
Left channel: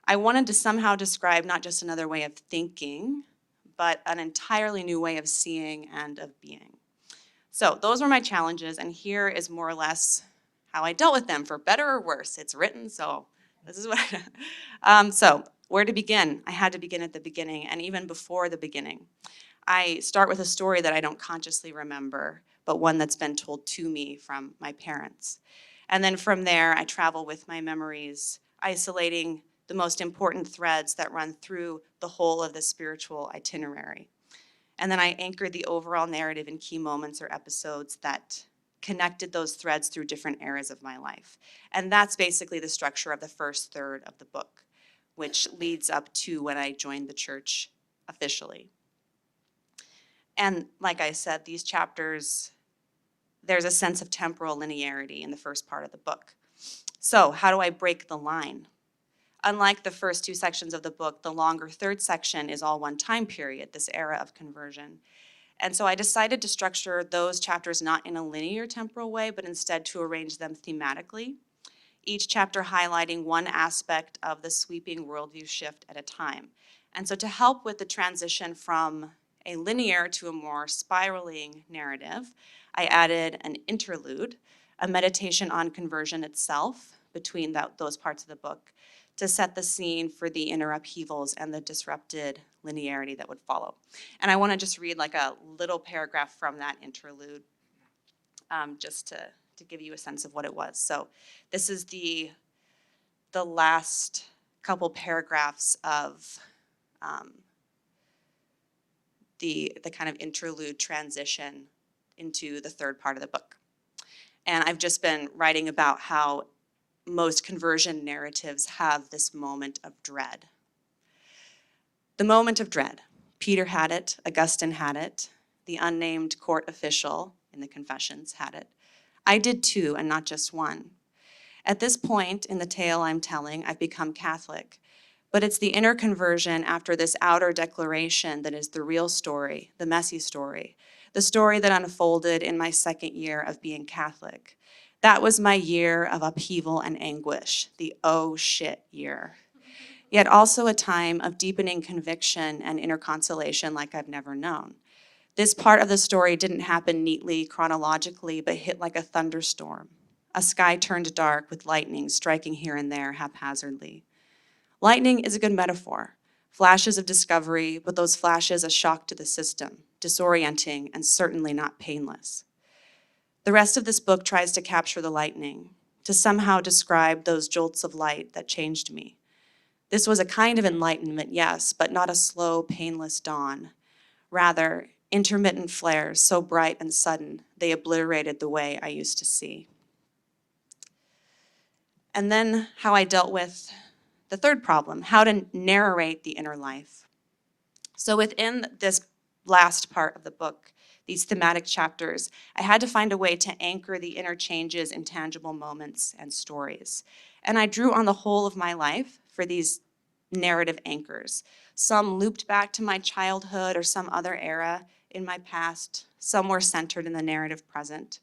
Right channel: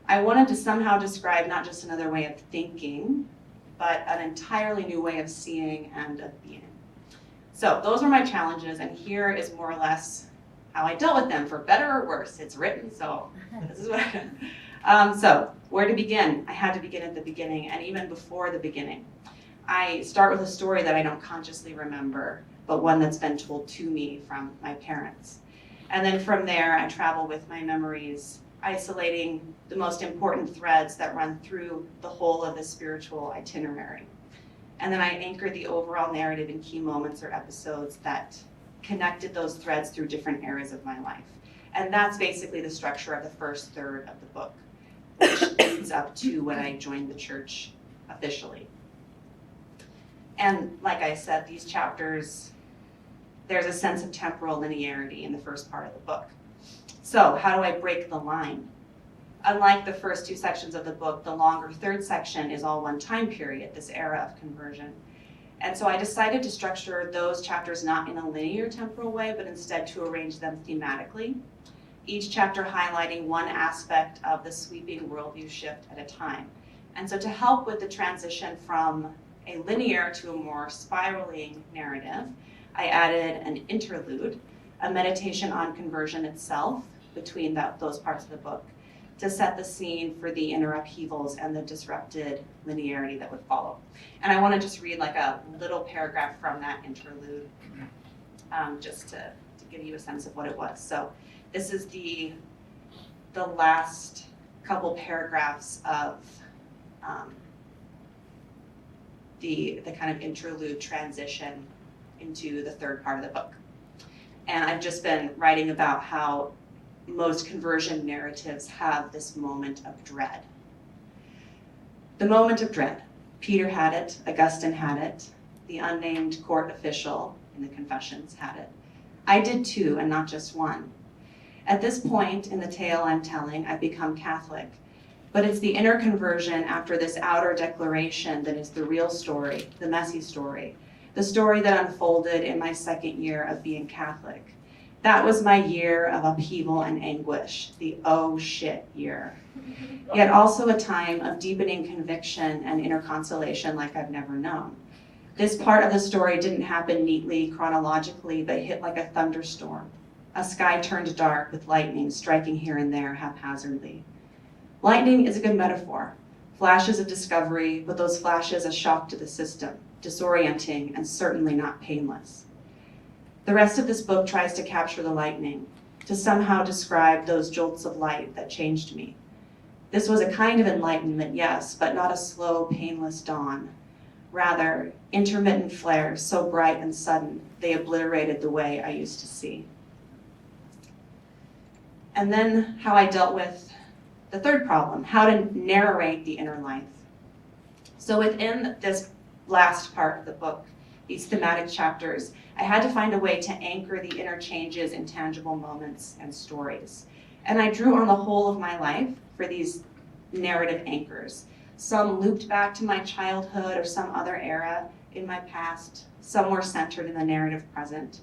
I wanted to somehow describe not just another way of thinking, but an entirely new way of seeing and of being. So those were my challenges, and here is more or less how I dealt with them, for better or worse. It's written, so this is what I did. So where to begin? I had to begin at the beginning, and even before the beginning. I start with a story that I don't consciously remember, but one that's been told to me from my parents. And then from there, I travel with my memories, isolating the most important threads that run through the whole of the spiritual itinerary. And then I anchor the overall narrative in key moments or episodes that connected those threads through different eras of my life. And that's basically the structure of the first third of the book, which leads up to when I joined the church officially. And like I said, these chapters, there's a sense of temporal linearity in the first part of the book. So how do I break the line? Unlike the first two sections of the book, the longer third section is all one time period, this era of conversion. And so I decided to structure those chapters not in a linear temporal way, but instead to arrange them thematically, each chapter highlighting one aspect of the sweeping worldview shift at a time. And so to help with the transition from a linear to a more spiraling narrative, I added an interlude, a meditation on conversion itself between those parts of the book, to set the scene for the inner upheavals and the disrupted linearity that would follow. And I want to just read like a little paragraph from that interlude, just to give you a sense of what it was. So this is the last couple paragraphs of the kind of interlude transition into the third part of the book. And I've just been writing about how most conversion narratives have this moment of dread. The moment of dread. Peter had it, Augustine had it, the unnamed court official in the Confessions had it. I did too, and not just one. At this point in the tale I'm telling, I've become Catholic, But it's the inner conversion after this outer declaration that is the real story, the messy story, the story that unfolded in my second year of being Catholic. That was my year of upheaval and anguish, the oh shit year. Yet also a time of deepening conviction and inner consolation like I've never known. This part of the story didn't happen neatly, chronologically, but hit like a thunderstorm. A sky turned dark with lightning striking here and there haphazardly. Lightning is a good metaphor. Flashes of discovery, but those flashes a shock to the system, disorienting and certainly not painless. The rest of this book tries to capture the lightning, to somehow describe those jolts of light that changed me. This was a kind of enlightenment, yes, but not a slow, painless dawn. Rather, intermittent flares so bright and sudden, they obliterated the way I used to see. And then how I dealt with the third problem, how to narrate the inner life. So within this last part of the book, these thematic chapters, I had to find a way to anchor the inner changes in tangible moments and stories. And I drew on the whole of my life for these narrative anchors. Some looped back to my childhood or some other era in my past. Some were centered in the narrative present.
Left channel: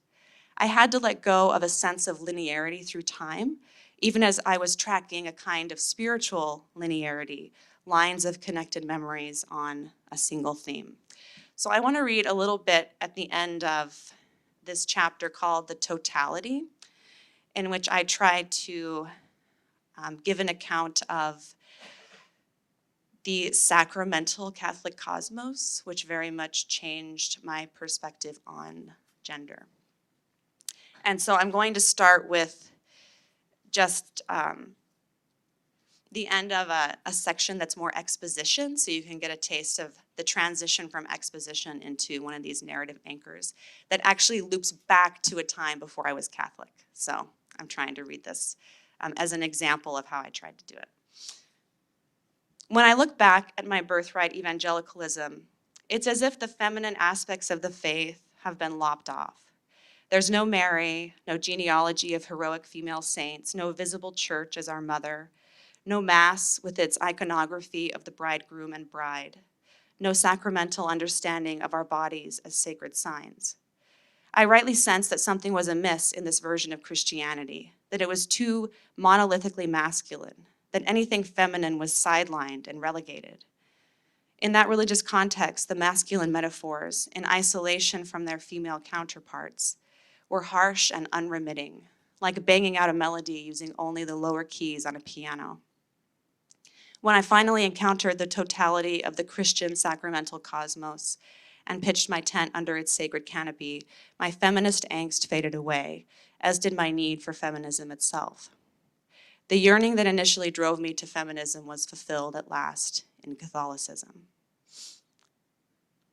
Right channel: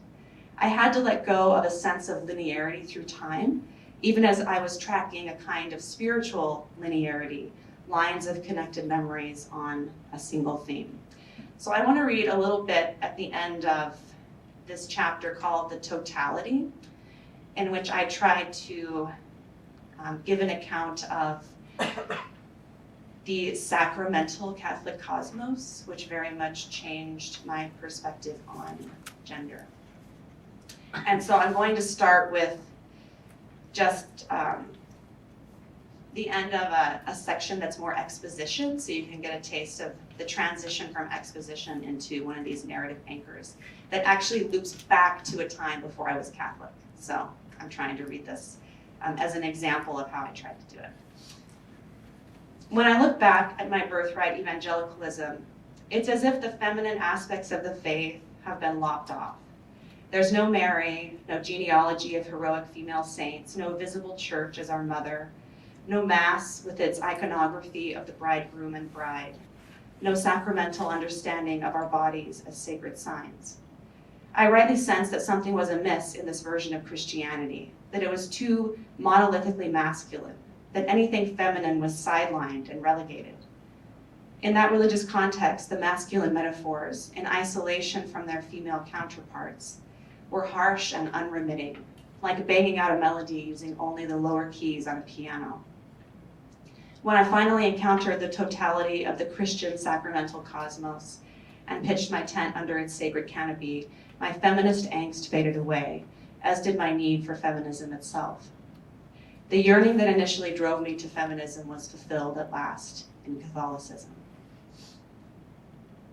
I had to let go of a sense of linearity through time, even as I was tracking a kind of spiritual linearity, lines of connected memories on a single theme. So I want to read a little bit at the end of this chapter called The Totality, in which I tried to give an account of the sacramental Catholic cosmos, which very much changed my perspective on gender. And so I'm going to start with just the end of a section that's more exposition, so you can get a taste of the transition from exposition into one of these narrative anchors that actually loops back to a time before I was Catholic. So I'm trying to read this as an example of how I tried to do it. When I look back at my birthright evangelicalism, it's as if the feminine aspects of the faith have been lopped off. There's no Mary, no genealogy of heroic female saints, no visible church as our mother, no mass with its iconography of the bridegroom and bride, no sacramental understanding of our bodies as sacred signs. I rightly sensed that something was amiss in this version of Christianity, that it was too monolithically masculine, that anything feminine was sidelined and relegated. In that religious context, the masculine metaphors, in isolation from their female counterparts, were harsh and unremitting, like banging out a melody using only the lower keys on a piano. When I finally encountered the totality of the Christian sacramental cosmos and pitched my tent under its sacred canopy, my feminist angst faded away, as did my need for feminism itself. The yearning that initially drove me to feminism was fulfilled at last in Catholicism.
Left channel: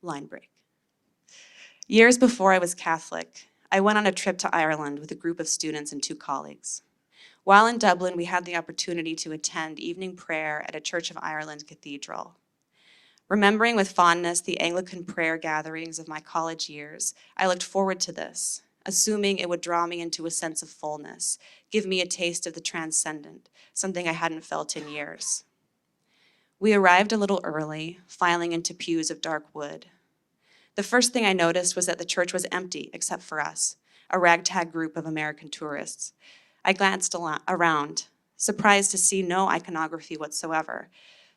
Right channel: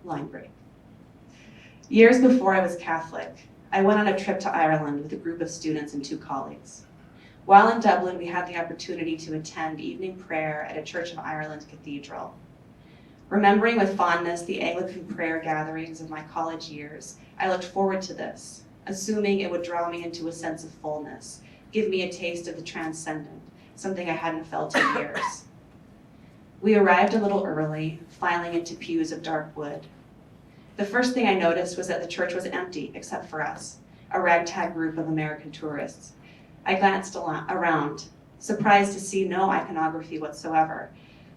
Line break. Years before I was Catholic, I went on a trip to Ireland with a group of students and 2 colleagues. While in Dublin, we had the opportunity to attend evening prayer at a Church of Ireland cathedral. Remembering with fondness the Anglican prayer gatherings of my college years, I looked forward to this, assuming it would draw me into a sense of fullness, give me a taste of the transcendent, something I hadn't felt in years. We arrived a little early, filing into pews of dark wood. The first thing I noticed was that the church was empty except for us, a ragtag group of American tourists. I glanced around, surprised to see no iconography whatsoever,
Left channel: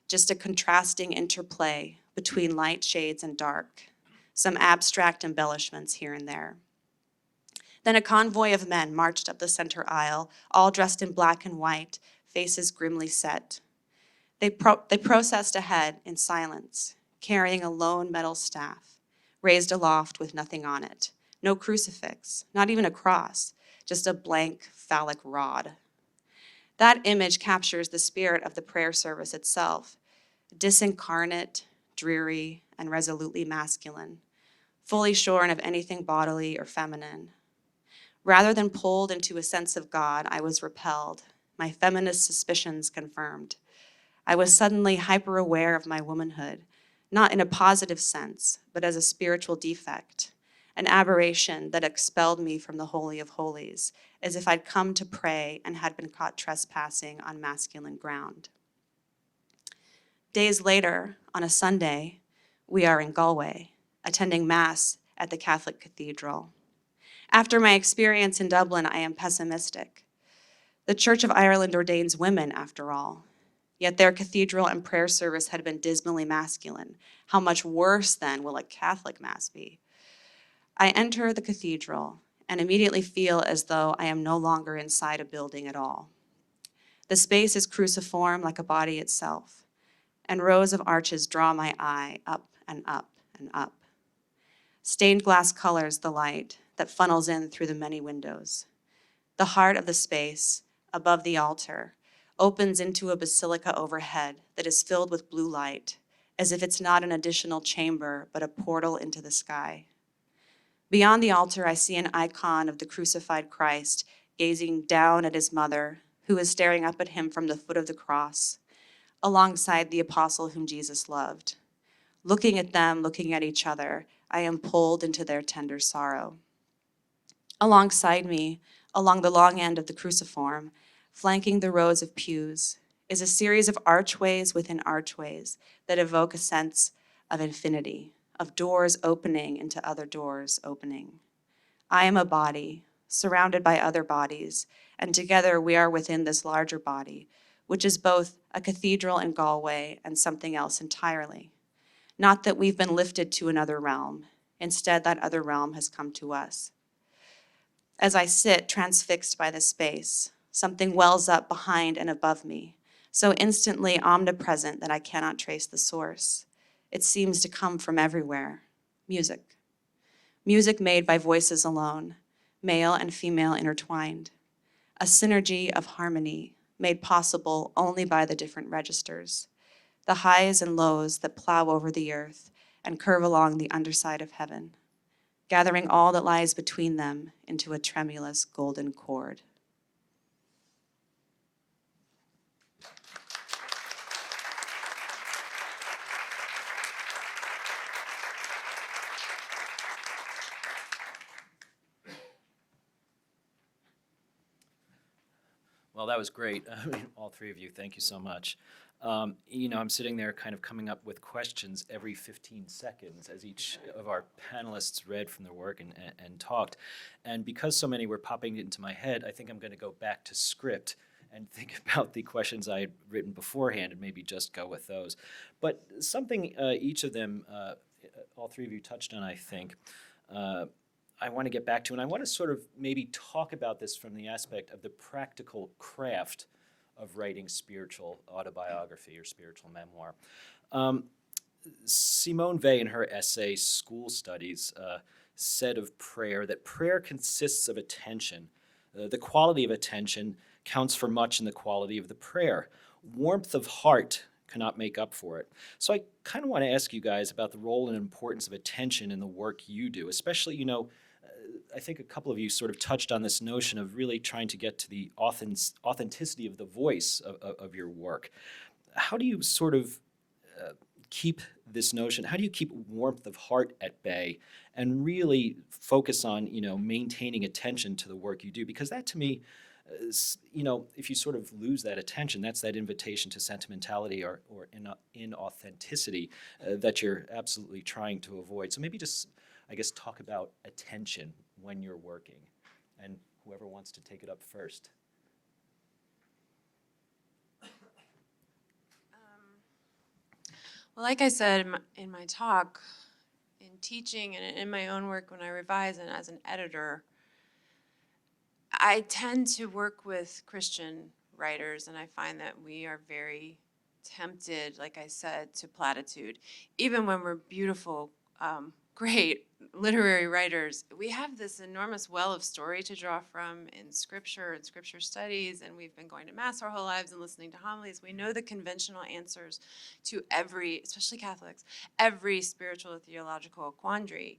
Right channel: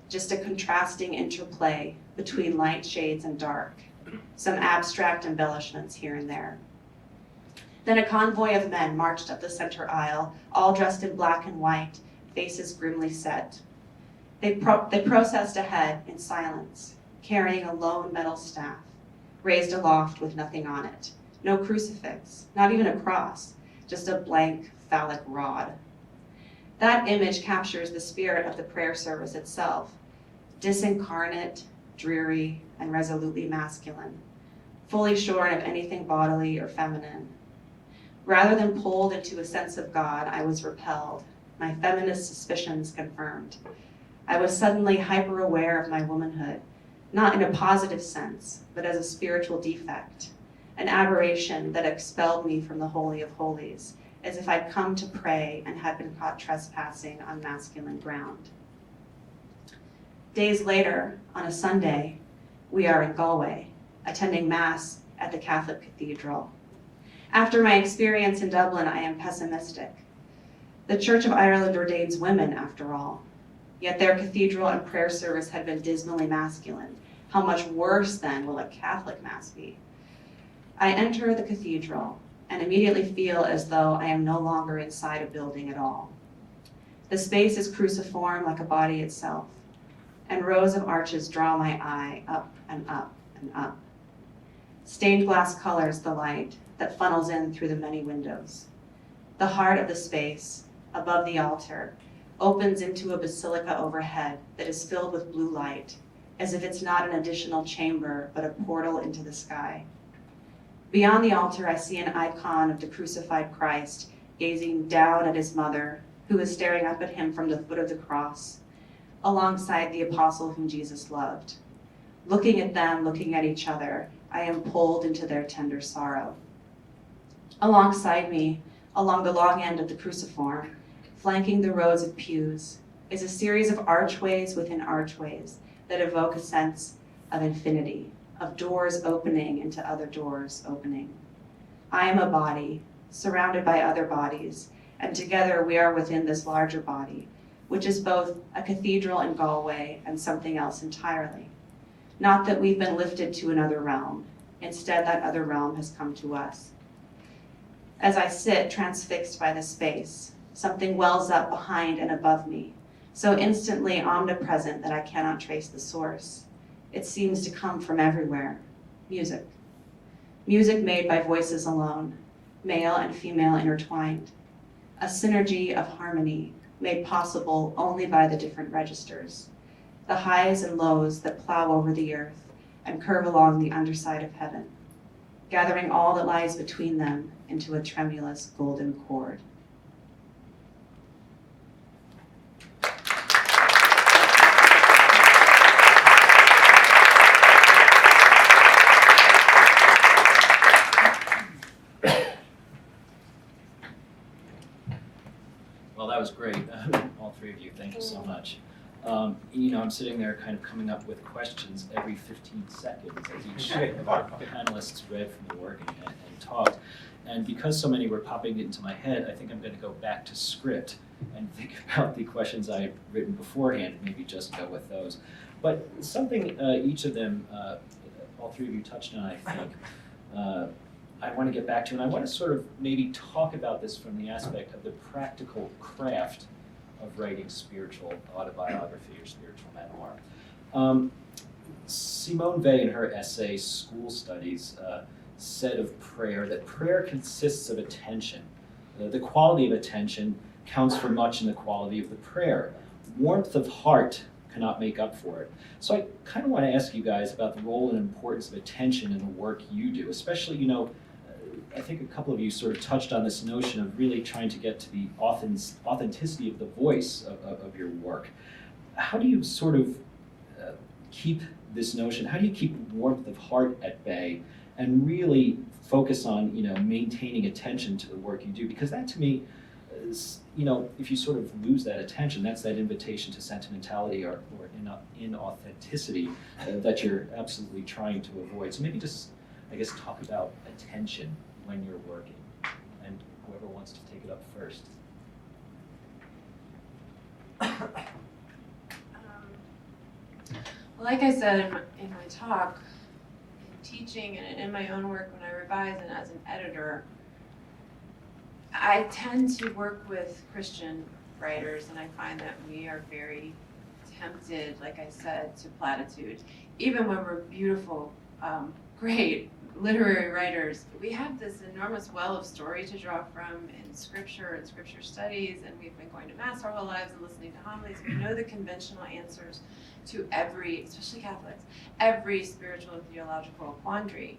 just a contrasting interplay between light shades and dark, some abstract embellishments here and there. Then a convoy of men marched up the center aisle, all dressed in black and white, faces grimly set. They processed ahead in silence, carrying a lone metal staff, raised aloft with nothing on it. No crucifix, not even a cross, just a blank phallic rod. That image captures the spirit of the prayer service itself, disincarnate, dreary, and resolutely masculine, fully shorn of anything bodily or feminine. Rather than pulled into a sense of God, I was repelled, my feminist suspicions confirmed. I was suddenly hyper-aware of my womanhood, not in a positive sense, but as a spiritual defect, an aberration that expelled me from the Holy of Holies, as if I'd come to pray and had been caught trespassing on masculine ground. Days later, on a Sunday, we are in Galway, attending Mass at the Catholic Cathedral. After my experience in Dublin, I am pessimistic. The Church of Ireland ordains women, after all, yet their cathedral and prayer service had been dismally masculine. How much worse, then, will a Catholic Mass be? I enter the cathedral and immediately feel as though I am no longer inside a building at all. The space is cruciform like a body itself, and rows of arches draw my eye up and up and up. Stained glass colors the light that funnels in through the many windows. The heart of the space, above the altar, opens into a basilica overhead that is filled with blue light, as if it's not an additional chamber, but a portal into the sky. Beyond the altar, I see an icon of the crucified Christ gazing down at his mother, who is staring up at him from the foot of the cross, alongside the apostle whom Jesus loved. Looking at them, looking at each other, I am pulled into their tender sorrow. Alongside me, along the long end of the cruciform, flanking the rows of pews, is a series of archways within archways that evoke a sense of infinity, of doors opening into other doors opening. I am a body, surrounded by other bodies, and together we are within this larger body, which is both a cathedral in Galway and something else entirely. Not that we've been lifted to another realm. Instead, that other realm has come to us. As I sit transfixed by the space, something wells up behind and above me, so instantly omnipresent that I cannot trace the source. It seems to come from everywhere. Music. Music made by voices alone, male and female intertwined. A synergy of harmony made possible only by the different registers. The highs and lows that plow over the earth and curve along the underside of heaven, gathering all that lies between them into a tremulous golden chord. Well, that was great. All three of you, thank you so much. I'm sitting there kind of coming up with questions every 15 seconds as each of our panelists read from the work and talked. And because so many were popping into my head, I think I'm going to go back to script and think about the questions I had written beforehand and maybe just go with those. But something each of them, all three of you touched on, I think, I want to get back to, and I want to sort of maybe talk about this from the aspect of the practical craft of writing spiritual autobiography or spiritual memoir. Simone Weil, in her essay, School Studies, said of prayer that prayer consists of attention. The quality of attention counts for much in the quality of the prayer. Warmth of heart cannot make up for it. So I kind of want to ask you guys about the role and importance of attention in the work you do, especially, I think a couple of you sort of touched on this notion of really trying to get to the authenticity of the voice of your work. How do you sort of keep this notion, how do you keep warmth of heart at bay and really focus on, maintaining attention to the work you do? Because that to me is, if you sort of lose that attention, that's that invitation to sentimentality or inauthenticity that you're absolutely trying to avoid. So maybe just, I guess, talk about attention when you're working, and whoever wants to take it up first. Well, like I said in my talk, in teaching and in my own work when I revise and as an editor, I tend to work with Christian writers, and I find that we are very tempted, like I said, to platitude. Even when we're beautiful, great literary writers, we have this enormous well of story to draw from in scripture and scripture studies, and we've been going to Mass our whole lives and listening to homilies. We know the conventional answers to every, especially Catholics, every spiritual and theological quandary.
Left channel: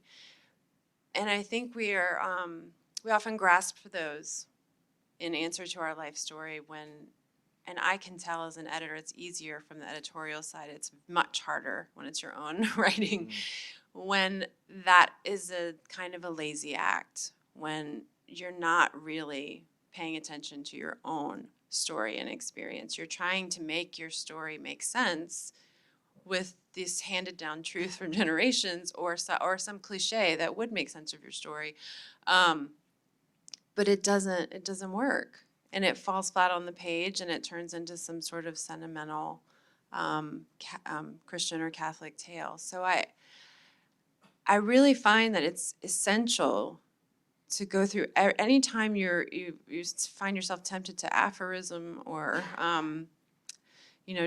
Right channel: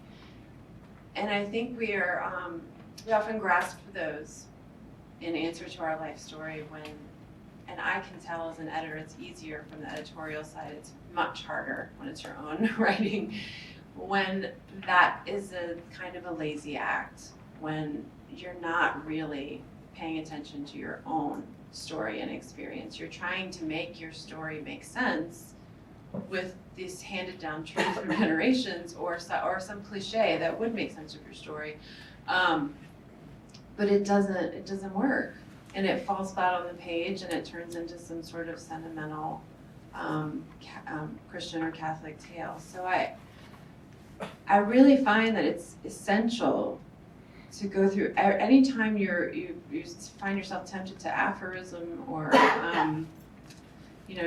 And I think we often grasp for those in answer to our life story when, and I can tell as an editor, it's easier from the editorial side. It's much harder when it's your own writing, when that is a kind of a lazy act, when you're not really paying attention to your own story and experience. You're trying to make your story make sense with this handed down truth from generations or some cliche that would make sense of your story. But it doesn't work, and it falls flat on the page, and it turns into some sort of sentimental Christian or Catholic tale. So I really find that it's essential to go through anytime you find yourself tempted to aphorism or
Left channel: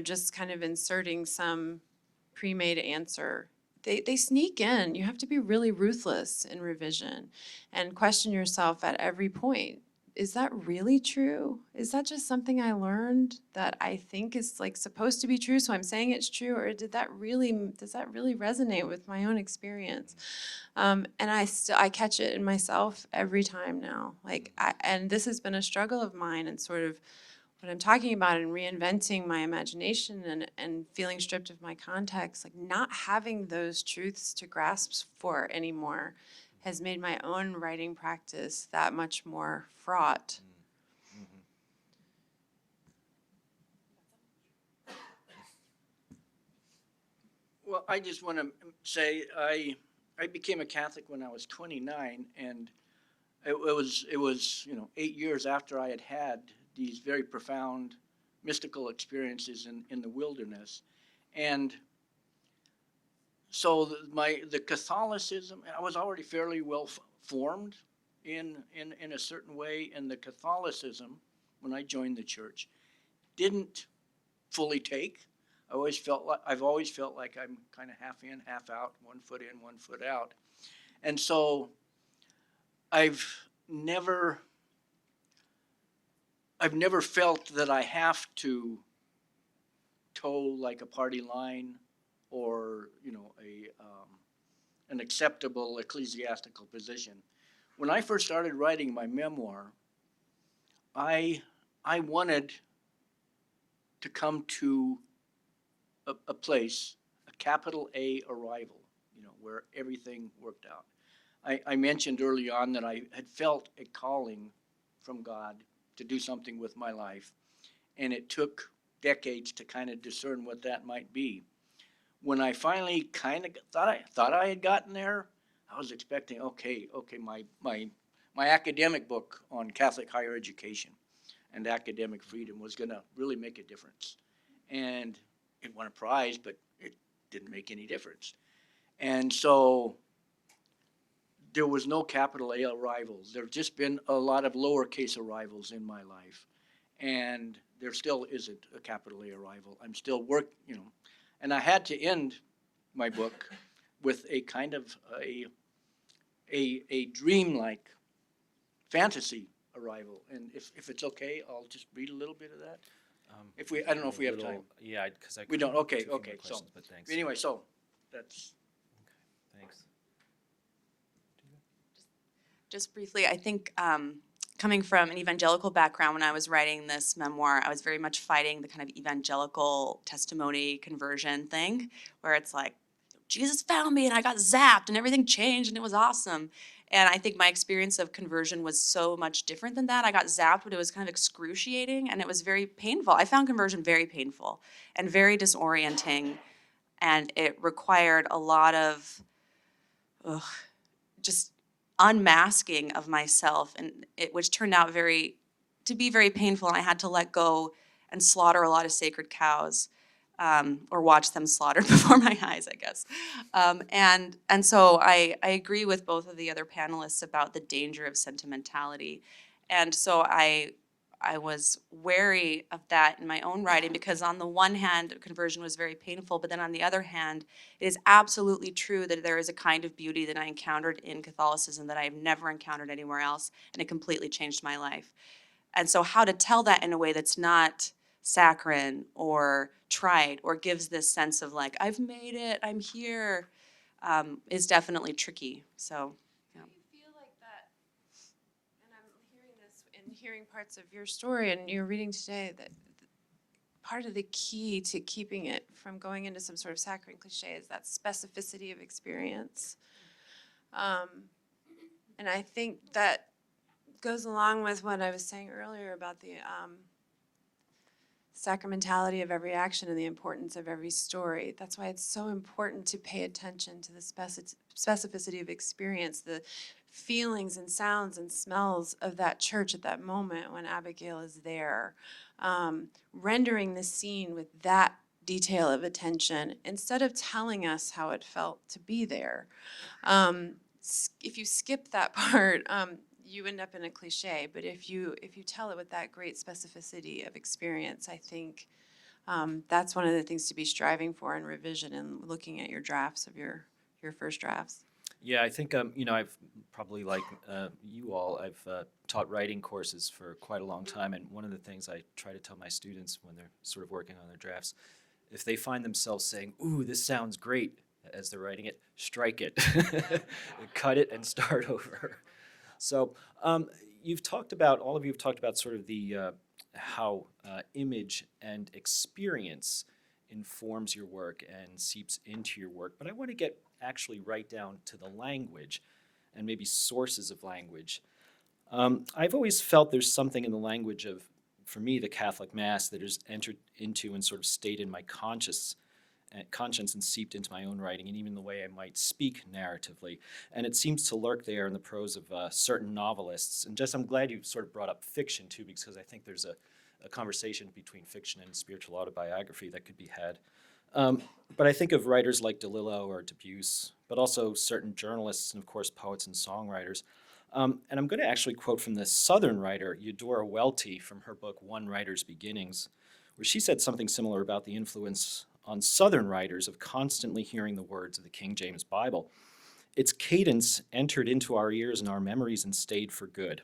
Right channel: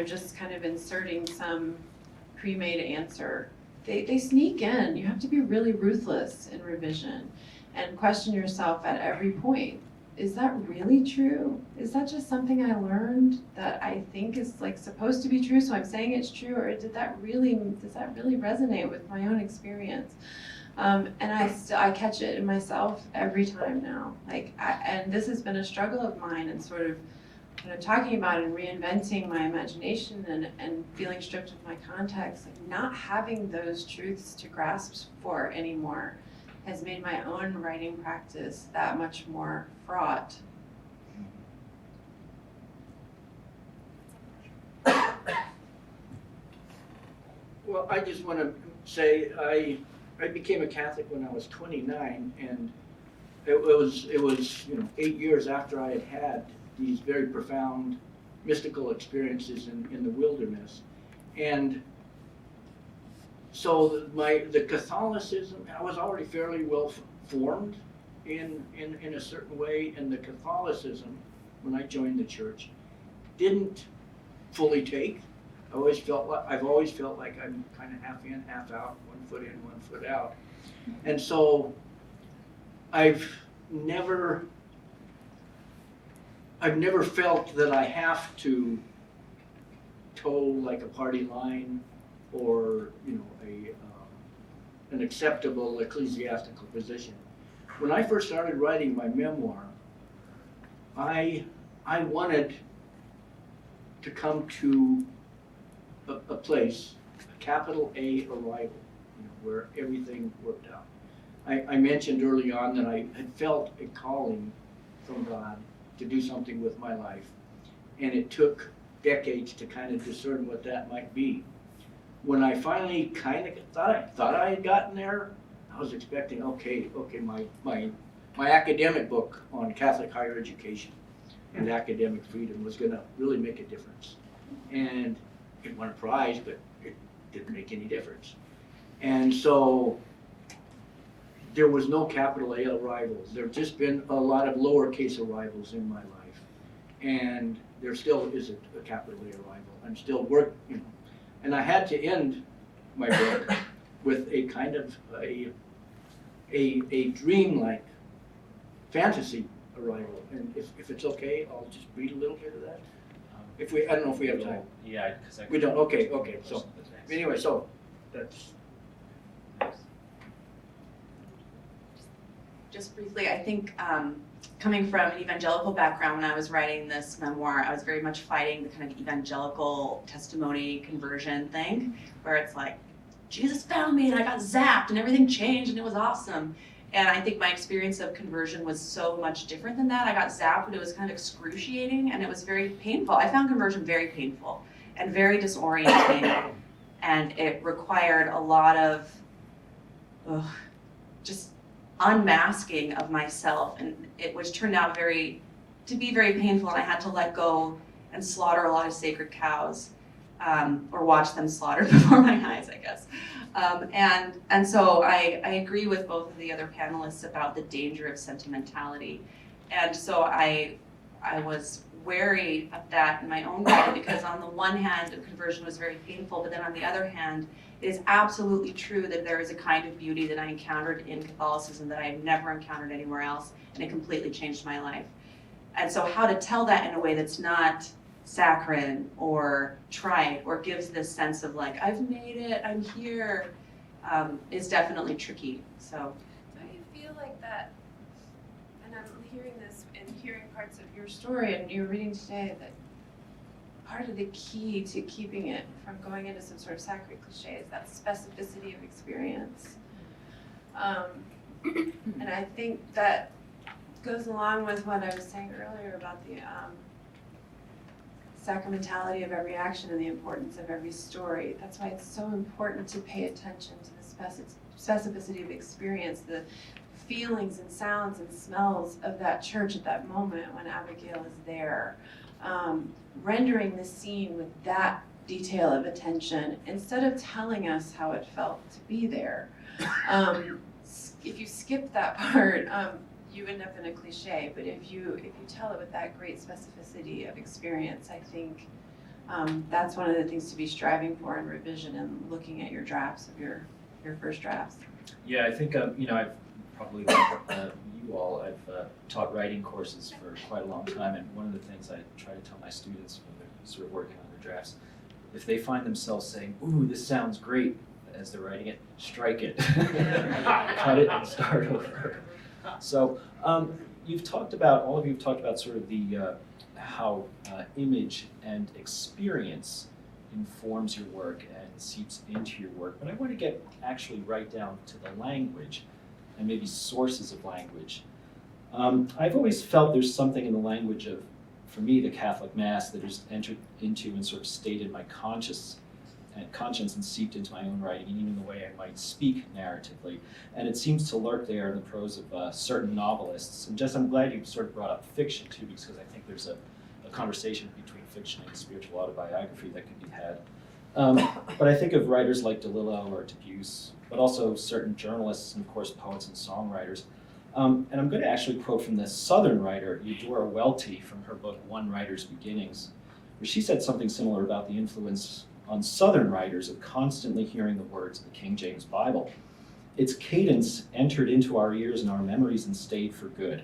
just kind of inserting some pre-made answer. They sneak in. You have to be really ruthless in revision and question yourself at every point. Is that really true? Is that just something I learned that I think is like supposed to be true, so I'm saying it's true, or does that really resonate with my own experience? And I catch it in myself every time now. And this has been a struggle of mine, and sort of when I'm talking about it and reinventing my imagination and feeling stripped of my context, like not having those truths to grasp for anymore has made my own writing practice that much more fraught. Well, I just want to say I became a Catholic when I was 29, and it was 8 years after I had had these very profound mystical experiences in the wilderness, and so the Catholicism, I was already fairly well formed in a certain way, and the Catholicism, when I joined the church, didn't fully take. I've always felt like I'm kind of half in, half out, 1 foot in, 1 foot out, and so I've never felt that I have to toe like a party line or an acceptable ecclesiastical position. When I first started writing my memoir, I wanted to come to a place, a capital A arrival, where everything worked out. I mentioned early on that I had felt a calling from God to do something with my life, and it took decades to kind of discern what that might be. When I finally kind of thought I had gotten there, I was expecting, okay, my academic book on Catholic higher education and academic freedom was going to really make a difference. And it won a prize, but it didn't make any difference. And so there was no capital A arrivals. There have just been a lot of lowercase arrivals in my life. And there still isn't a capital A arrival. I'm still working, and I had to end my book with a kind of a dream-like fantasy arrival. And if it's okay, I'll just read a little bit of that. I don't know if we have time. Yeah, because We don't. Okay. So anyway, so that's. Just briefly, I think coming from an evangelical background, when I was writing this memoir, I was very much fighting the kind of evangelical testimony conversion thing, where it's like, Jesus found me and I got zapped and everything changed and it was awesome. And I think my experience of conversion was so much different than that. I got zapped, but it was kind of excruciating and it was very painful. I found conversion very painful and very disorienting, and it required a lot of just unmasking of myself, and which turned out to be very painful, and I had to let go and slaughter a lot of sacred cows, or watch them slaughtered before my eyes, I guess. And so I agree with both of the other panelists about the danger of sentimentality, and so I was wary of that in my own writing, because on the one hand, conversion was very painful, but then on the other hand, it is absolutely true that there is a kind of beauty that I encountered in Catholicism that I have never encountered anywhere else, and it completely changed my life. And so how to tell that in a way that's not saccharine or trite or gives this sense of like, I've made it, I'm here, is definitely tricky. So. Don't you feel like that, and I'm hearing this and hearing parts of your story and you're reading today, that part of the key to keeping it from going into some sort of saccharine cliche is that specificity of experience. And I think that goes along with what I was saying earlier about the sacramentality of every action and the importance of every story. That's why it's so important to pay attention to the specificity of experience, the feelings and sounds and smells of that church at that moment when Abigail is there. Rendering the scene with that detail of attention instead of telling us how it felt to be there. If you skip that part, you end up in a cliche, but if you tell it with that great specificity of experience, I think that's one of the things to be striving for in revision and looking at your drafts of your first drafts. Yeah, I think I've probably like you all, I've taught writing courses for quite a long time, and one of the things I try to tell my students when they're sort of working on their drafts, if they find themselves saying, "Ooh, this sounds great," as they're writing it, strike it, cut it, and start over. So all of you've talked about sort of the how image and experience informs your work and seeps into your work, but I want to get actually right down to the language and maybe sources of language. I've always felt there's something in the language of, for me, the Catholic Mass that has entered into and sort of stayed in my conscience and seeped into my own writing, and even the way I might speak narratively. And it seems to lurk there in the prose of certain novelists. And Jess, I'm glad you sort of brought up fiction too, because I think there's a conversation between fiction and spiritual autobiography that could be had. But I think of writers like DeLillo or Debussy, but also certain journalists and of course poets and songwriters. And I'm going to actually quote from the Southern writer Eudora Welty from her book One Writer's Beginnings, where she said something similar about the influence on Southern writers of constantly hearing the words of the King James Bible. Its cadence entered into our ears and our memories and stayed for good.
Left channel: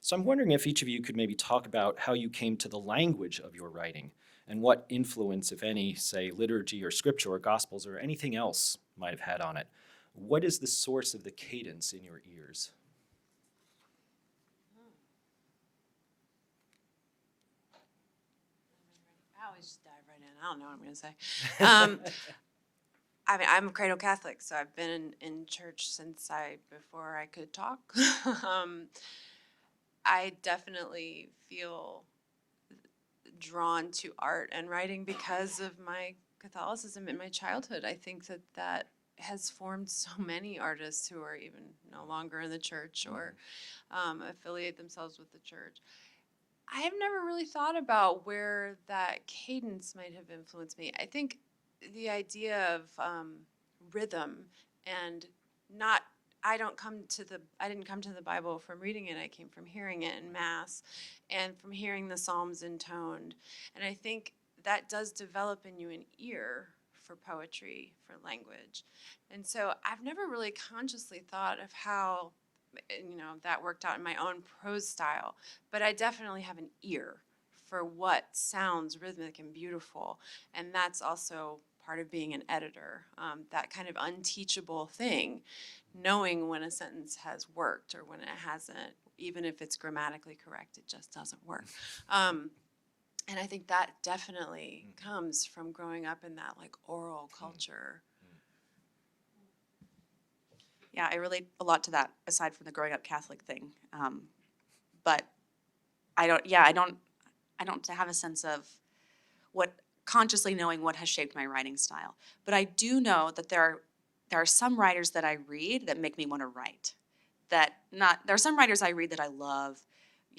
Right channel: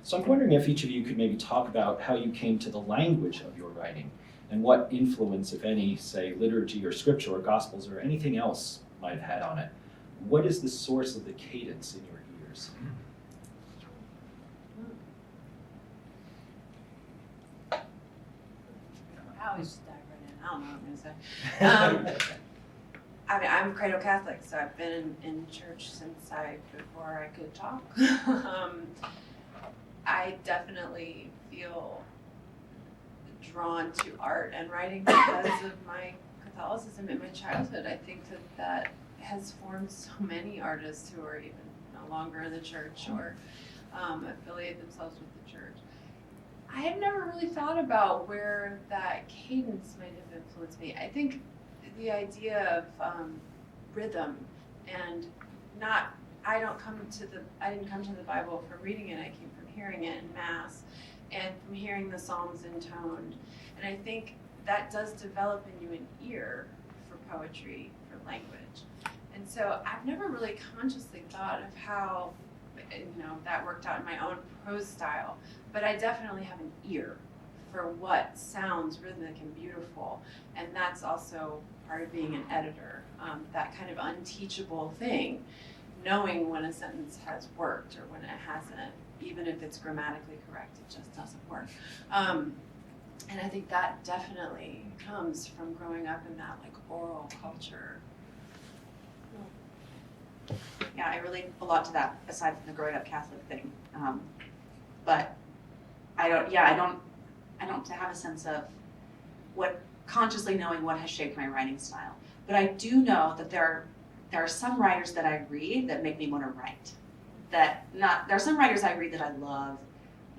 So I'm wondering if each of you could maybe talk about how you came to the language of your writing and what influence, if any, say liturgy or scripture or gospels or anything else might have had on it. What is the source of the cadence in your ears? I always dive right in. I don't know what I'm going to say. I mean, I'm a cradle Catholic, so I've been in church since before I could talk. I definitely feel drawn to art and writing because of my Catholicism in my childhood. I think that has formed so many artists who are even no longer in the church or affiliate themselves with the church. I have never really thought about where that cadence might have influenced me. I think the idea of rhythm and I didn't come to the Bible from reading it. I came from hearing it in Mass and from hearing the Psalms intoned. And I think that does develop in you an ear for poetry, for language. And so I've never really consciously thought of how that worked out in my own prose style, but I definitely have an ear for what sounds rhythmic and beautiful, and that's also part of being an editor, that kind of unteachable thing, knowing when a sentence has worked or when it hasn't, even if it's grammatically correct, it just doesn't work. And I think that definitely comes from growing up in that like oral culture. Yeah, I relate a lot to that, aside from the growing up Catholic thing. But I don't have a sense of consciously knowing what has shaped my writing style. But I do know that there are some writers that I read that make me want to write. There are some writers I read that I love,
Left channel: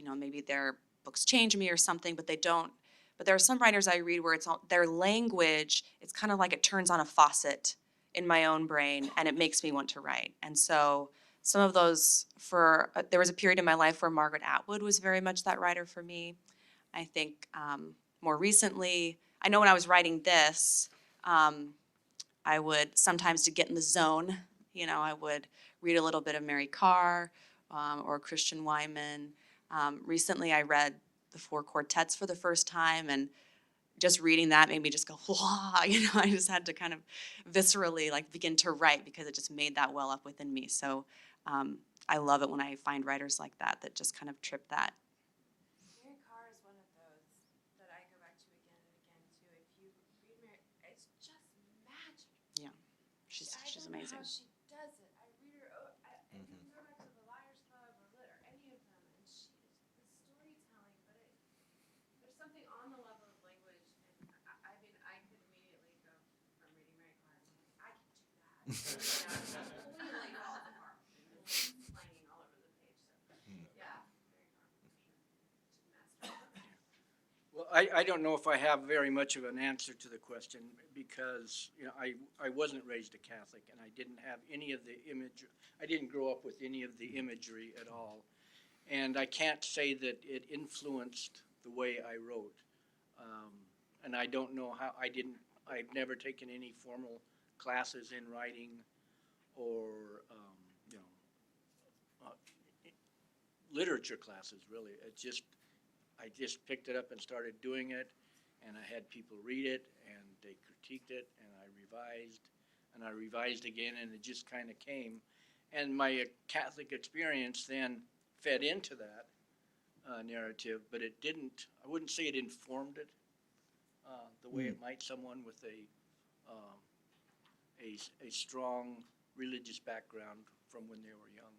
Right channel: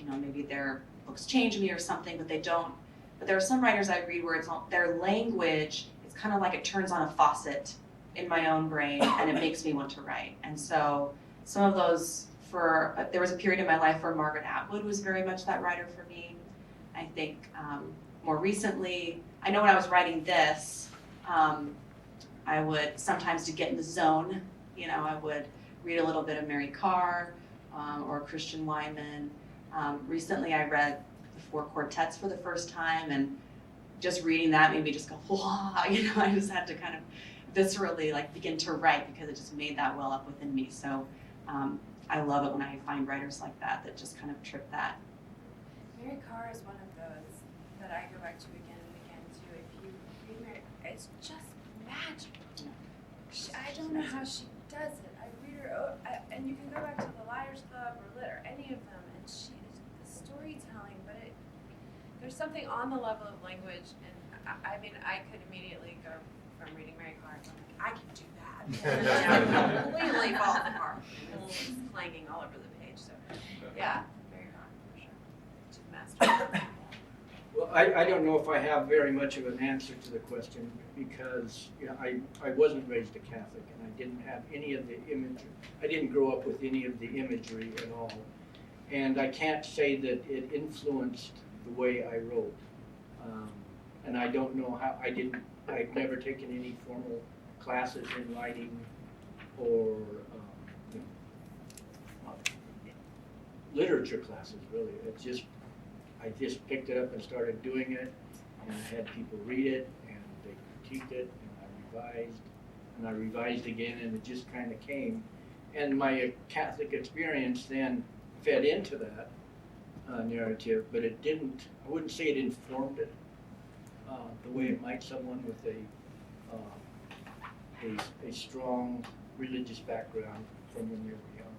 maybe their books change me or something, but they don't. But there are some writers I read where their language, it's kind of like it turns on a faucet in my own brain and it makes me want to write. And so some of those, there was a period in my life where Margaret Atwood was very much that writer for me. I think more recently, I know when I was writing this, I would sometimes, to get in the zone, I would read a little bit of Mary Carr or Christian Wyman. Recently I read the Four Quartets for the first time, and just reading that made me just go, whoa, I just had to kind of viscerally begin to write because it just made that well up within me. So I love it when I find writers like that just kind of trip that. Mary Carr is one of those that I go back to again and again too. If you read Mary, it's just magical. Yeah. I don't know how she does it. I read her, and you can go back to the Liars Club or Lit or any of them, and she is the storytelling. But there's something on the level of I could immediately go from reading Mary Clark, I'm like, I can do that. Completely fall apart. It's clanging all over the page. So, yeah, very hard for sure. To master. Well, I don't know if I have very much of an answer to the question because I wasn't raised a Catholic and I didn't have any of the imagery. I didn't grow up with any of the imagery at all. And I can't say that it influenced the way I wrote. And I don't know how, I've never taken any formal classes in writing or literature classes, really. I just picked it up and started doing it, and I had people read it, and they critiqued it, and I revised again, and it just kind of came. And my Catholic experience then fed into that narrative, but it didn't, I wouldn't say it informed it the way it might someone with a strong religious background from when they were young.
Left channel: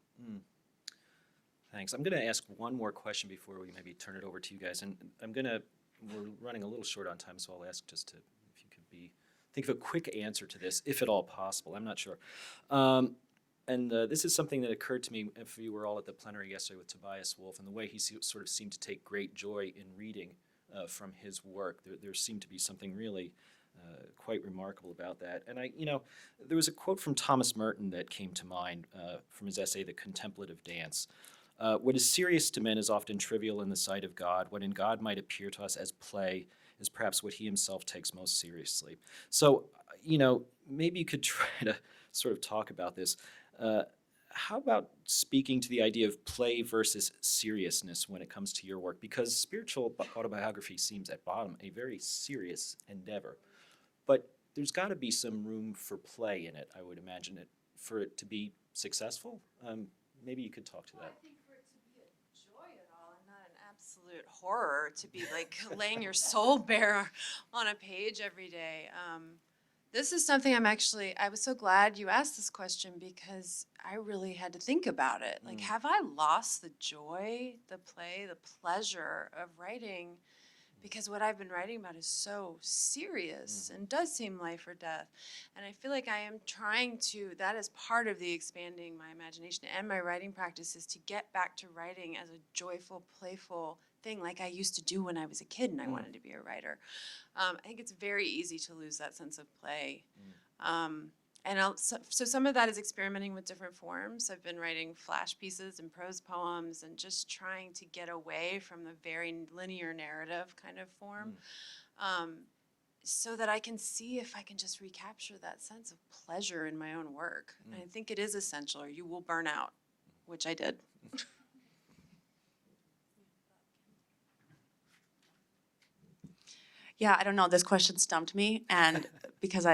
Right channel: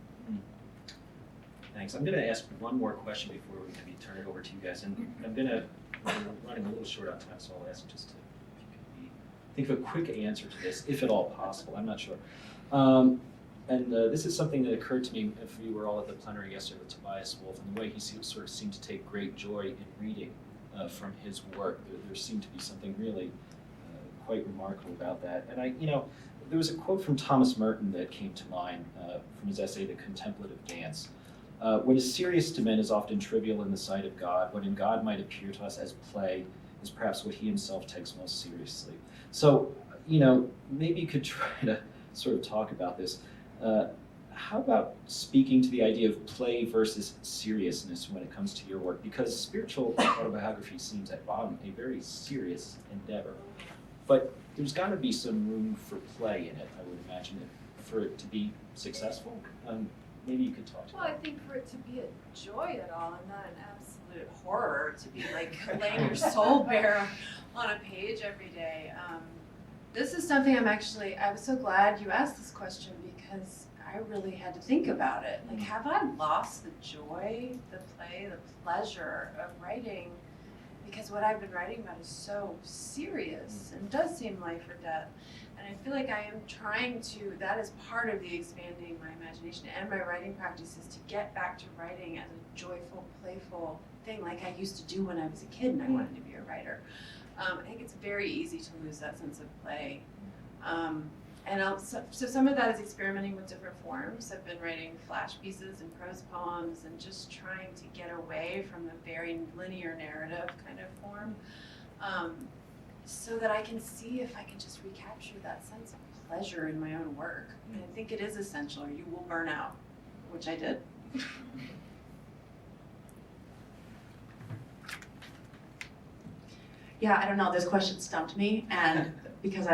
Thanks. I'm going to ask one more question before we maybe turn it over to you guys, and I'm going to, we're running a little short on time, so I'll ask just to, if you could think of a quick answer to this, if at all possible. I'm not sure. This is something that occurred to me if we were all at the plenary yesterday with Tobias Wolff, and the way he sort of seemed to take great joy in reading from his work. There seemed to be something really quite remarkable about that. And there was a quote from Thomas Merton that came to mind from his essay, The Contemplative Dance. What is serious to men is often trivial in the sight of God. What in God might appear to us as play is perhaps what he himself takes most seriously. So, maybe you could try to sort of talk about this. How about speaking to the idea of play versus seriousness when it comes to your work? Because spiritual autobiography seems at bottom a very serious endeavor. But there's got to be some room for play in it, I would imagine, for it to be successful. Maybe you could talk to Well, I think for it to be a joy at all and not an absolute horror, to be like laying your soul bare on a page every day. This is something I was so glad you asked this question because I really had to think about it. Like, have I lost the joy, the play, the pleasure of writing? Because what I've been writing about is so serious and does seem life or death. And I feel like I am trying to, that is part of the expanding my imagination and my writing practice is to get back to writing as a joyful, playful thing like I used to do when I was a kid and I wanted to be a writer. I think it's very easy to lose that sense of play. So some of that is experimenting with different forms. I've been writing flash pieces and prose poems and just trying to get away from the very linear narrative kind of form so that I can see if I can just recapture that sense of pleasure in my own work. And I think it is essential or you will burn out, which I did. Yeah, I don't know. This question stumped me, and because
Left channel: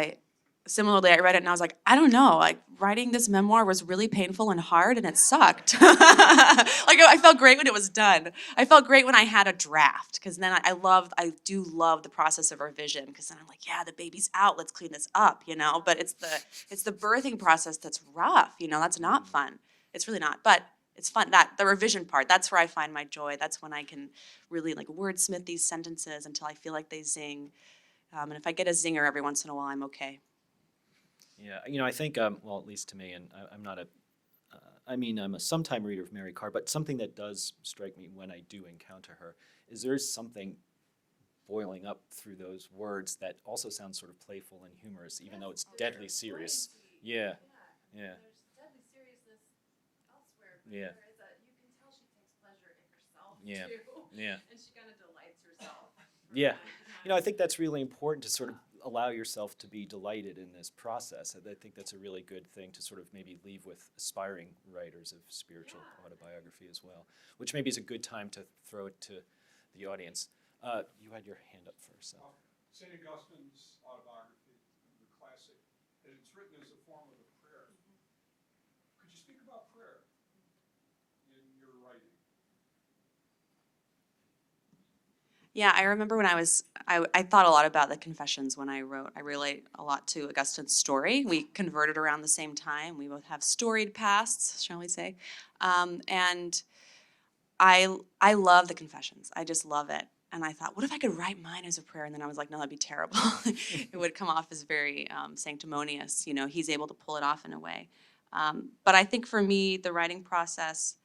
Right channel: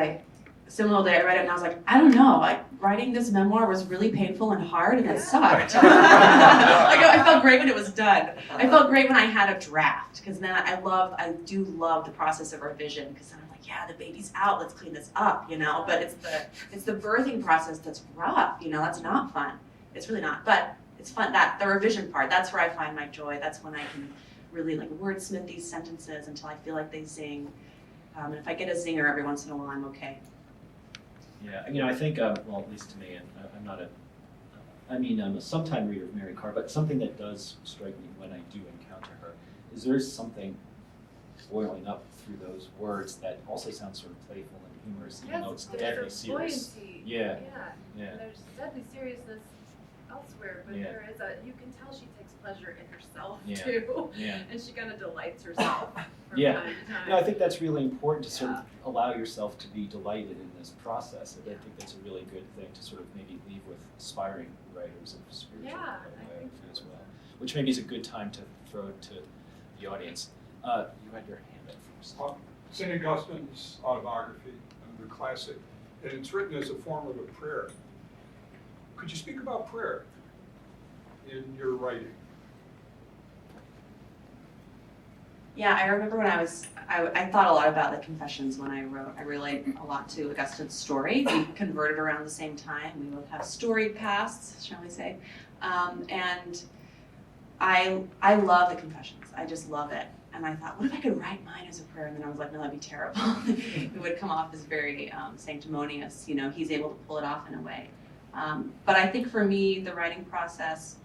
similarly, I read it and I was like, I don't know. Like writing this memoir was really painful and hard, and it sucked. I felt great when it was done. I felt great when I had a draft, because then I do love the process of revision, because then I'm like, yeah, the baby's out. Let's clean this up, But it's the birthing process that's rough. That's not fun. It's really not, but it's fun. That the revision part. That's where I find my joy. That's when I can really wordsmith these sentences until I feel like they zing. And if I get a zinger every once in a while, I'm okay. Yeah, I think, well, at least to me, and I'm not I'm a sometime reader of Mary Carr, but something that does strike me when I do encounter her is there is something boiling up through those words that also sounds sort of playful and humorous, even though it's deadly serious. Buoyancy. Yeah. There's deadly seriousness elsewhere, but there is you can tell she takes pleasure in herself too. Yeah. And she kind of delights herself from Yeah. time to time. I think that's really important to sort of allow yourself to be delighted in this process. I think that's a really good thing to sort of maybe leave with aspiring writers of spiritual autobiography as well, which maybe is a good time to throw it to the audience. You had your hand up first. St. Augustine's autobiography, the classic, and it's written as a form of a prayer. Could you speak about prayer in your writing? Yeah, I remember when I thought a lot about the Confessions when I wrote. I relate a lot to Augustine's story. We converted around the same time. We both have storied pasts, shall we say. And I love the Confessions. I just love it. And I thought, what if I could write mine as a prayer? And then I was like, no, that'd be terrible. It would come off as very sanctimonious. You know, he's able to pull it off in a way. But I think for me, the writing process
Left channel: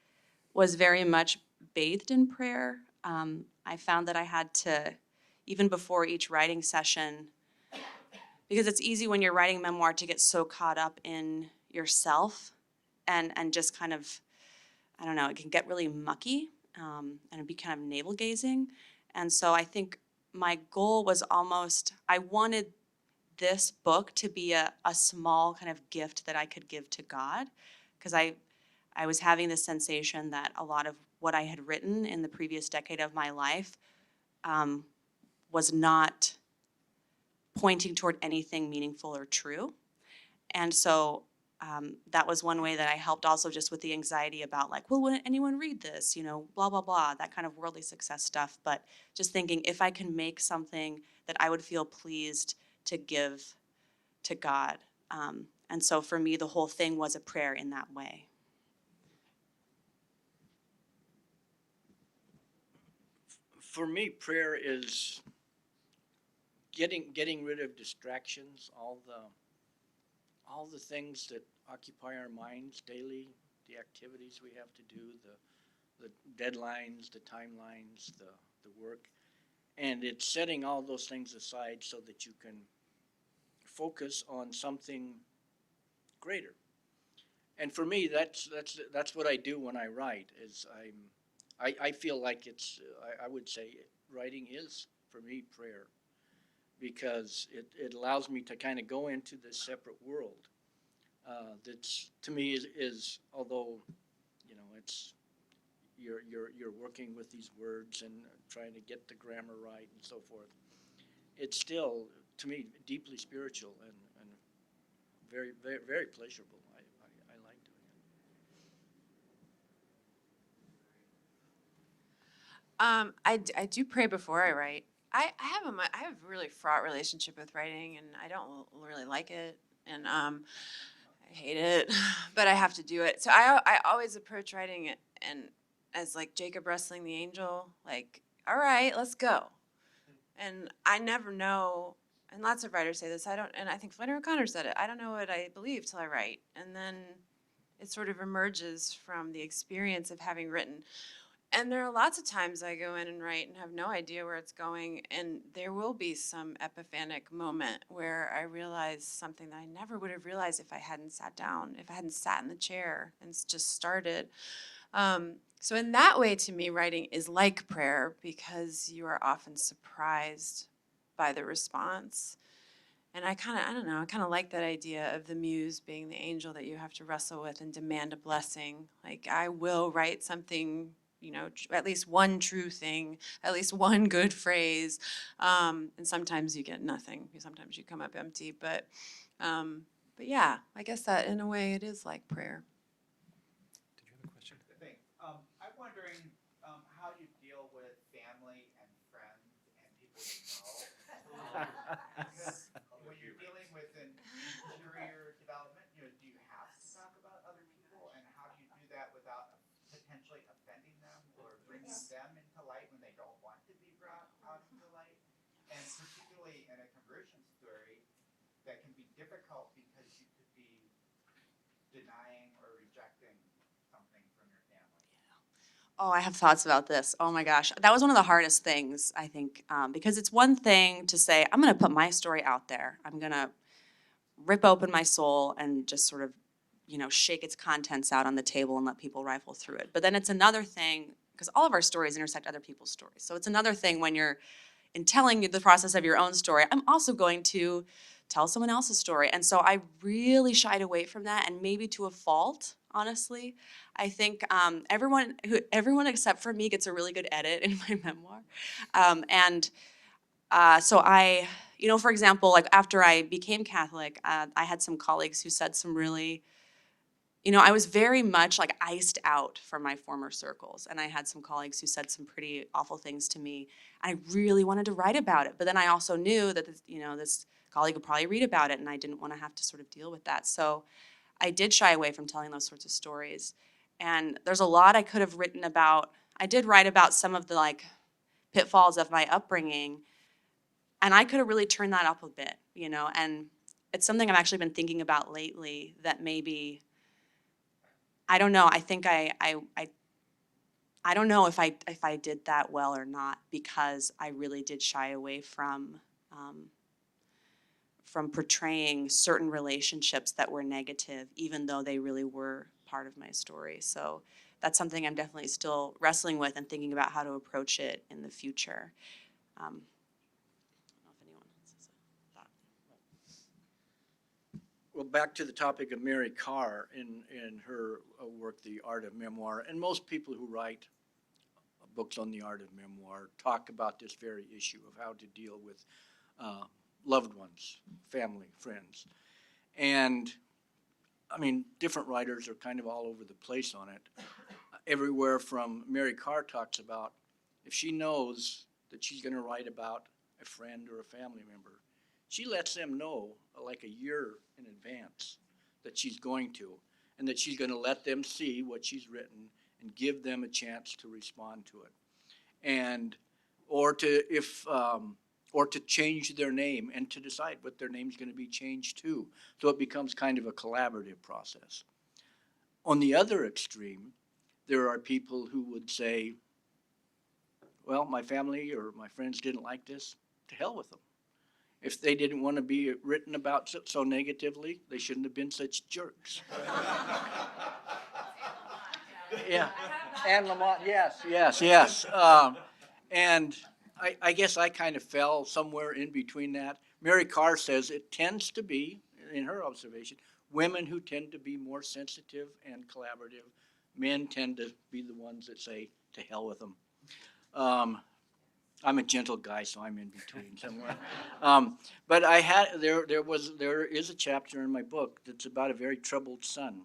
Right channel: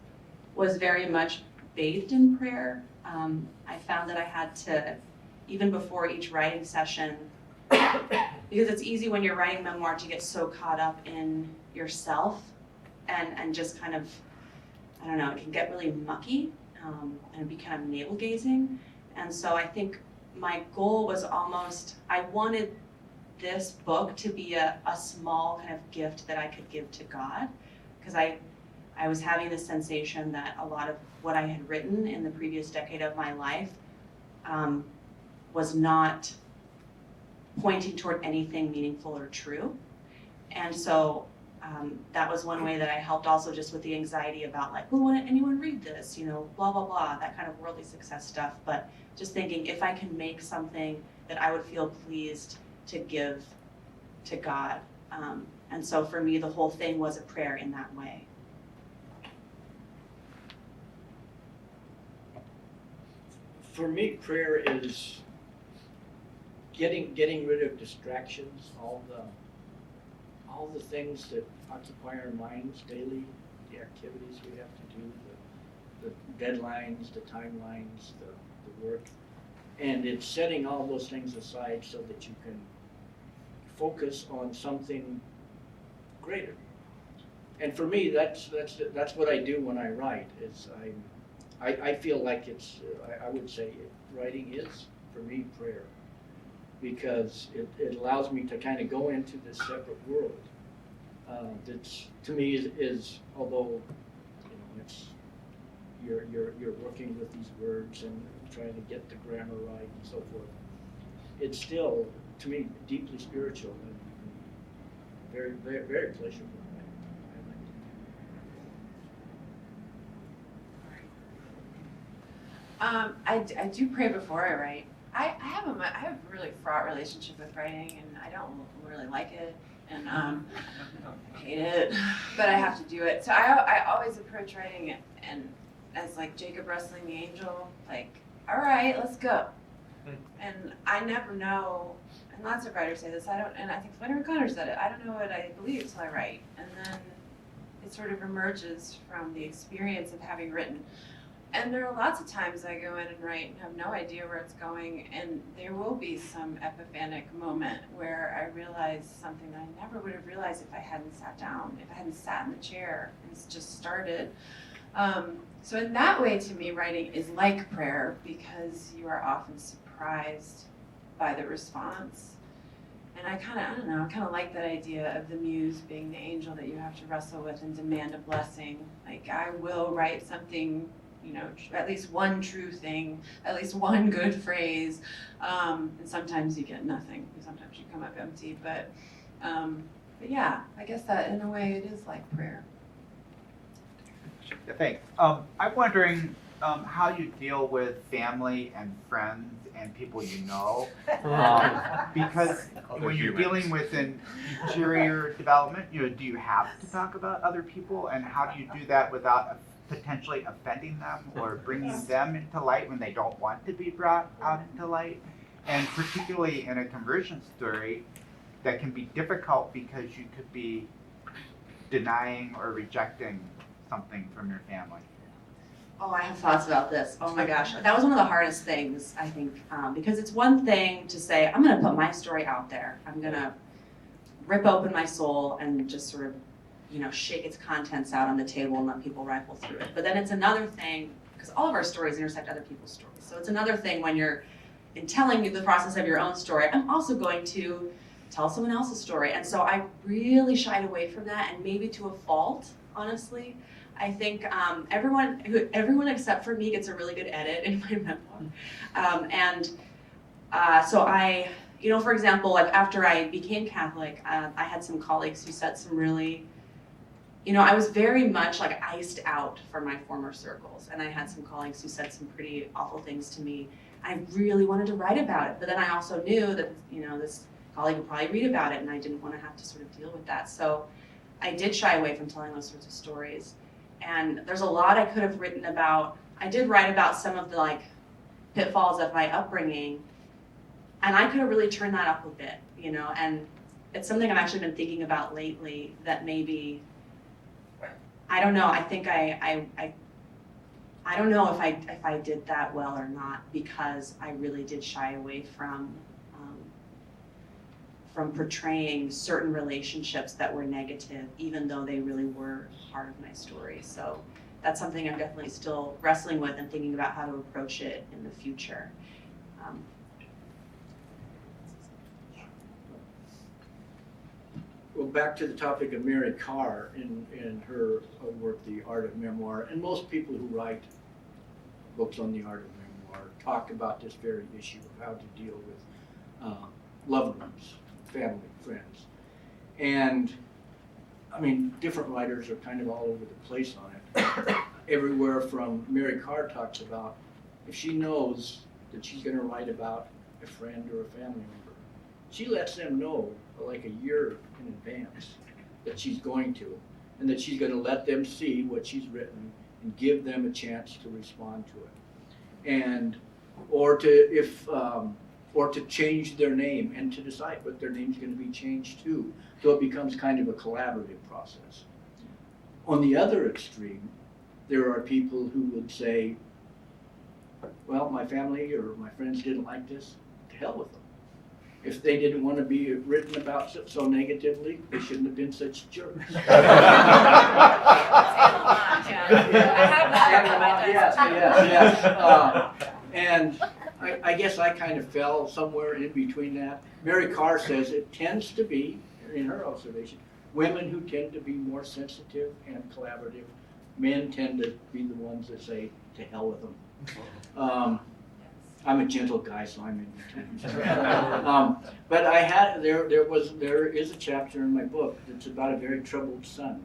was very much bathed in prayer. I found that I had to, even before each writing session, because it's easy when you're writing a memoir to get so caught up in yourself and just kind of, I don't know, it can get really mucky and be kind of navel-gazing. And so I think my goal was almost, I wanted this book to be a small kind of gift that I could give to God, because I was having the sensation that a lot of what I had written in the previous decade of my life was not pointing toward anything meaningful or true. And so that was one way that I helped, also just with the anxiety about like, well, wouldn't anyone read this? You know, blah, blah, blah, that kind of worldly success stuff. But just thinking, if I can make something that I would feel pleased to give to God. And so for me, the whole thing was a prayer in that way. For me, prayer is getting rid of distractions, all the things that occupy our minds daily, the activities we have to do, the deadlines, the timelines, the work. And it's setting all those things aside so that you can focus on something greater. And for me, that's what I do when I write. I feel like it's, I would say writing is, for me, prayer. Because it allows me to kind of go into this separate world. That's, to me, is although, you know, it's you're working with these words and trying to get the grammar right and so forth. It's still, to me, deeply spiritual and very, very, very pleasurable. I like it. I do pray before I write. I have a really fraught relationship with writing, and I don't really like it, and I hate it, but I have to do it. So I always approach writing it and as like Jacob wrestling the angel, like, all right, let's go. And I never know, and lots of writers say this, and I think Flannery O'Connor said it, I don't know what I believe till I write. And then it sort of emerges from the experience of having written. And there are lots of times I go in and write and have no idea where it's going, and there will be some epiphanic moment where I realize something that I never would have realized if I hadn't sat down, if I hadn't sat in the chair and just started. So in that way, to me, writing is like prayer, because you are often surprised by the response. And I kind of like that idea of the muse being the angel that you have to wrestle with and demand a blessing. Like, I will write something, you know, at least one true thing, at least one good phrase, and sometimes you get nothing. Sometimes you come up empty, but yeah, I guess that in a way it is like prayer. Thanks. I'm wondering how you deal with family and friends and people you know, because when you're dealing with an interior development, you know, do you have to talk about other people, and how do you do that without potentially offending them or bringing them into light when they don't want to be brought out into light? And particularly in a conversion story, that can be difficult because you could be denying or rejecting something from your family. Oh, I have thoughts about this. Oh my gosh. That was one of the hardest things, I think, because it's one thing to say, I'm going to put my story out there. I'm going to rip open my soul and just sort of, you know, shake its contents out on the table and let people rifle through it. But then it's another thing, because all of our stories intersect other people's stories. So it's another thing when you're, in telling you the process of your own story, I'm also going to tell someone else's story. And so I really shied away from that, and maybe to a fault, honestly. I think everyone except for me gets a really good edit in my memoir. So I, you know, for example, like after I became Catholic, I had some colleagues who said some really, you know, I was very much like iced out from my former circles. And I had some colleagues who said some pretty awful things to me. I really wanted to write about it. But then I also knew that, you know, this colleague would probably read about it, and I didn't want to have to sort of deal with that. So I did shy away from telling those sorts of stories. And there's a lot I could have written about. I did write about some of the like pitfalls of my upbringing. And I could have really turned that up a bit, you know, and it's something I've actually been thinking about lately, that maybe, I don't know, I think I don't know if I did that well or not, because I really did shy away from portraying certain relationships that were negative, even though they really were part of my story. So that's something I'm definitely still wrestling with and thinking about how to approach it in the future. Well, back to the topic of Mary Carr in her work, The Art of Memoir, and most people who write books on the art of memoir talk about this very issue of how to deal with loved ones, family, friends. And I mean, different writers are kind of all over the place on it. Everywhere from Mary Carr talks about if she knows that she's going to write about a friend or a family member, she lets them know like a year in advance that she's going to, and that she's going to let them see what she's written and give them a chance to respond to it, and or to change their name and to decide what their name's going to be changed to. So it becomes kind of a collaborative process. On the other extreme, there are people who would say, well, my family or my friends didn't like this, to hell with them. If they didn't want to be written about so negatively, they shouldn't have been such jerks. Yes. And I guess I kind of fell somewhere in between that. Mary Carr says it tends to be, in her observation, women who tend to be more sensitive and collaborative. Men tend to be the ones that say, to hell with them. I'm a gentle guy, so I'm in between. But there is a chapter in my book that's about a very troubled son.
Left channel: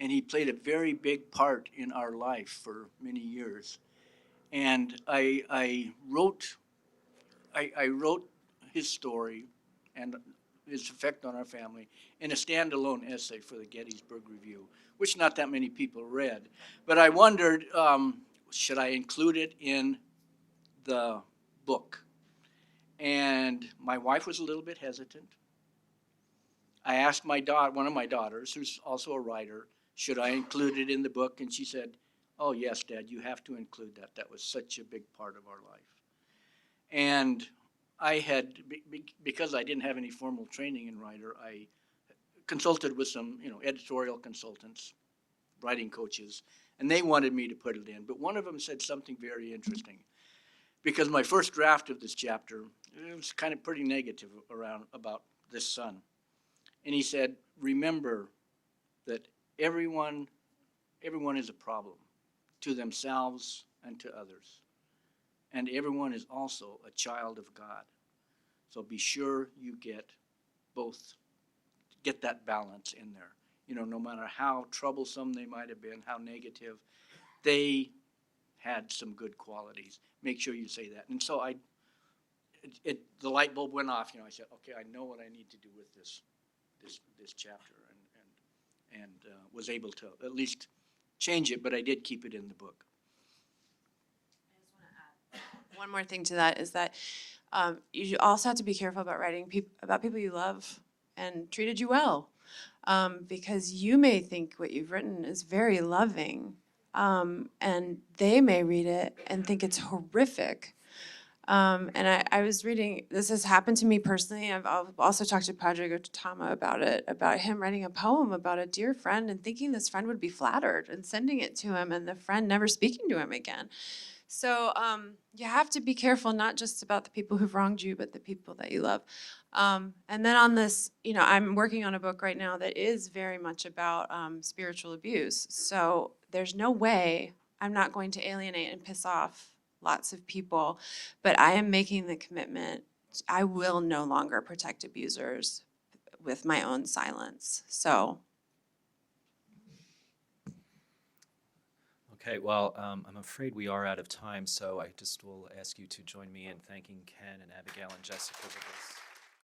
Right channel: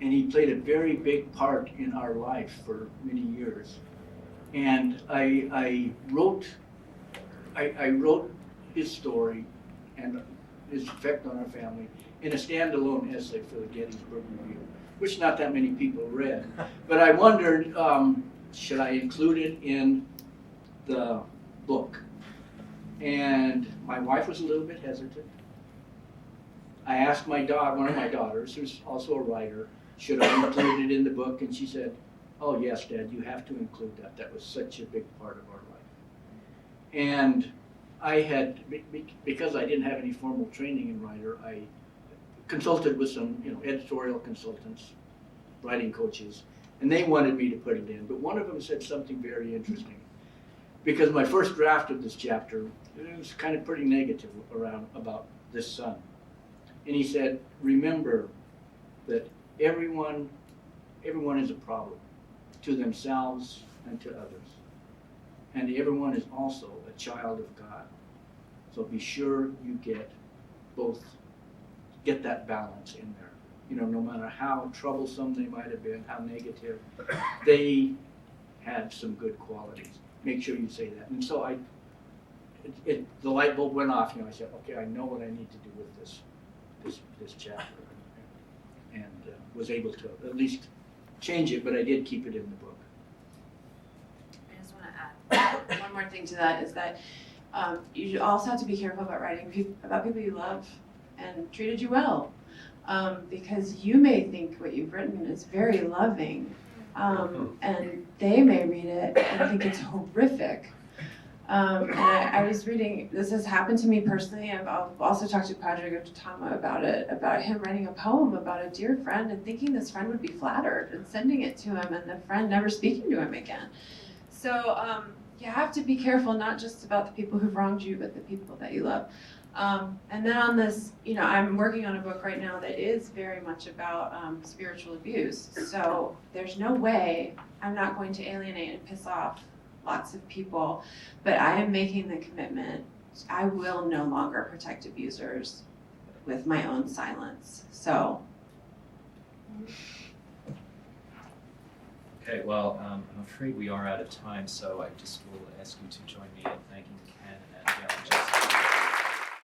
And he played a very big part in our life for many years. And I wrote his story and his effect on our family in a standalone essay for the Gettysburg Review, which not that many people read. But I wondered, should I include it in the book? And my wife was a little bit hesitant. I asked one of my daughters, who's also a writer, should I include it in the book? And she said, oh yes, Dad, you have to include that. That was such a big part of our life. And I had, because I didn't have any formal training in writer, I consulted with some editorial consultants, writing coaches, and they wanted me to put it in. But one of them said something very interesting. Because my first draft of this chapter was kind of pretty negative about this son. And he said, remember that everyone is a problem to themselves and to others. And everyone is also a child of God. So be sure you get that balance in there. No matter how troublesome they might have been, how negative, they had some good qualities. Make sure you say that. And so the light bulb went off. I said, okay, I know what I need to do with this chapter, and was able to at least change it. But I did keep it in the book. I just want to add one more thing to that, is that you also have to be careful about writing about people you love and treated you well, because you may think what you've written is very loving. And they may read it and think it's horrific. And I was reading, this has happened to me personally. I've also talked to Padre Tama about it, about him writing a poem about a dear friend and thinking this friend would be flattered and sending it to him, and the friend never speaking to him again. So you have to be careful, not just about the people who've wronged you, but the people that you love. And then on this, I'm working on a book right now that is very much about spiritual abuse. So there's no way I'm not going to alienate and piss off lots of people, but I am making the commitment, I will no longer protect abusers with my own silence. So. Okay, well, I'm afraid we are out of time, so I just will ask you to join me in thanking Ken and Abigail and Jessica.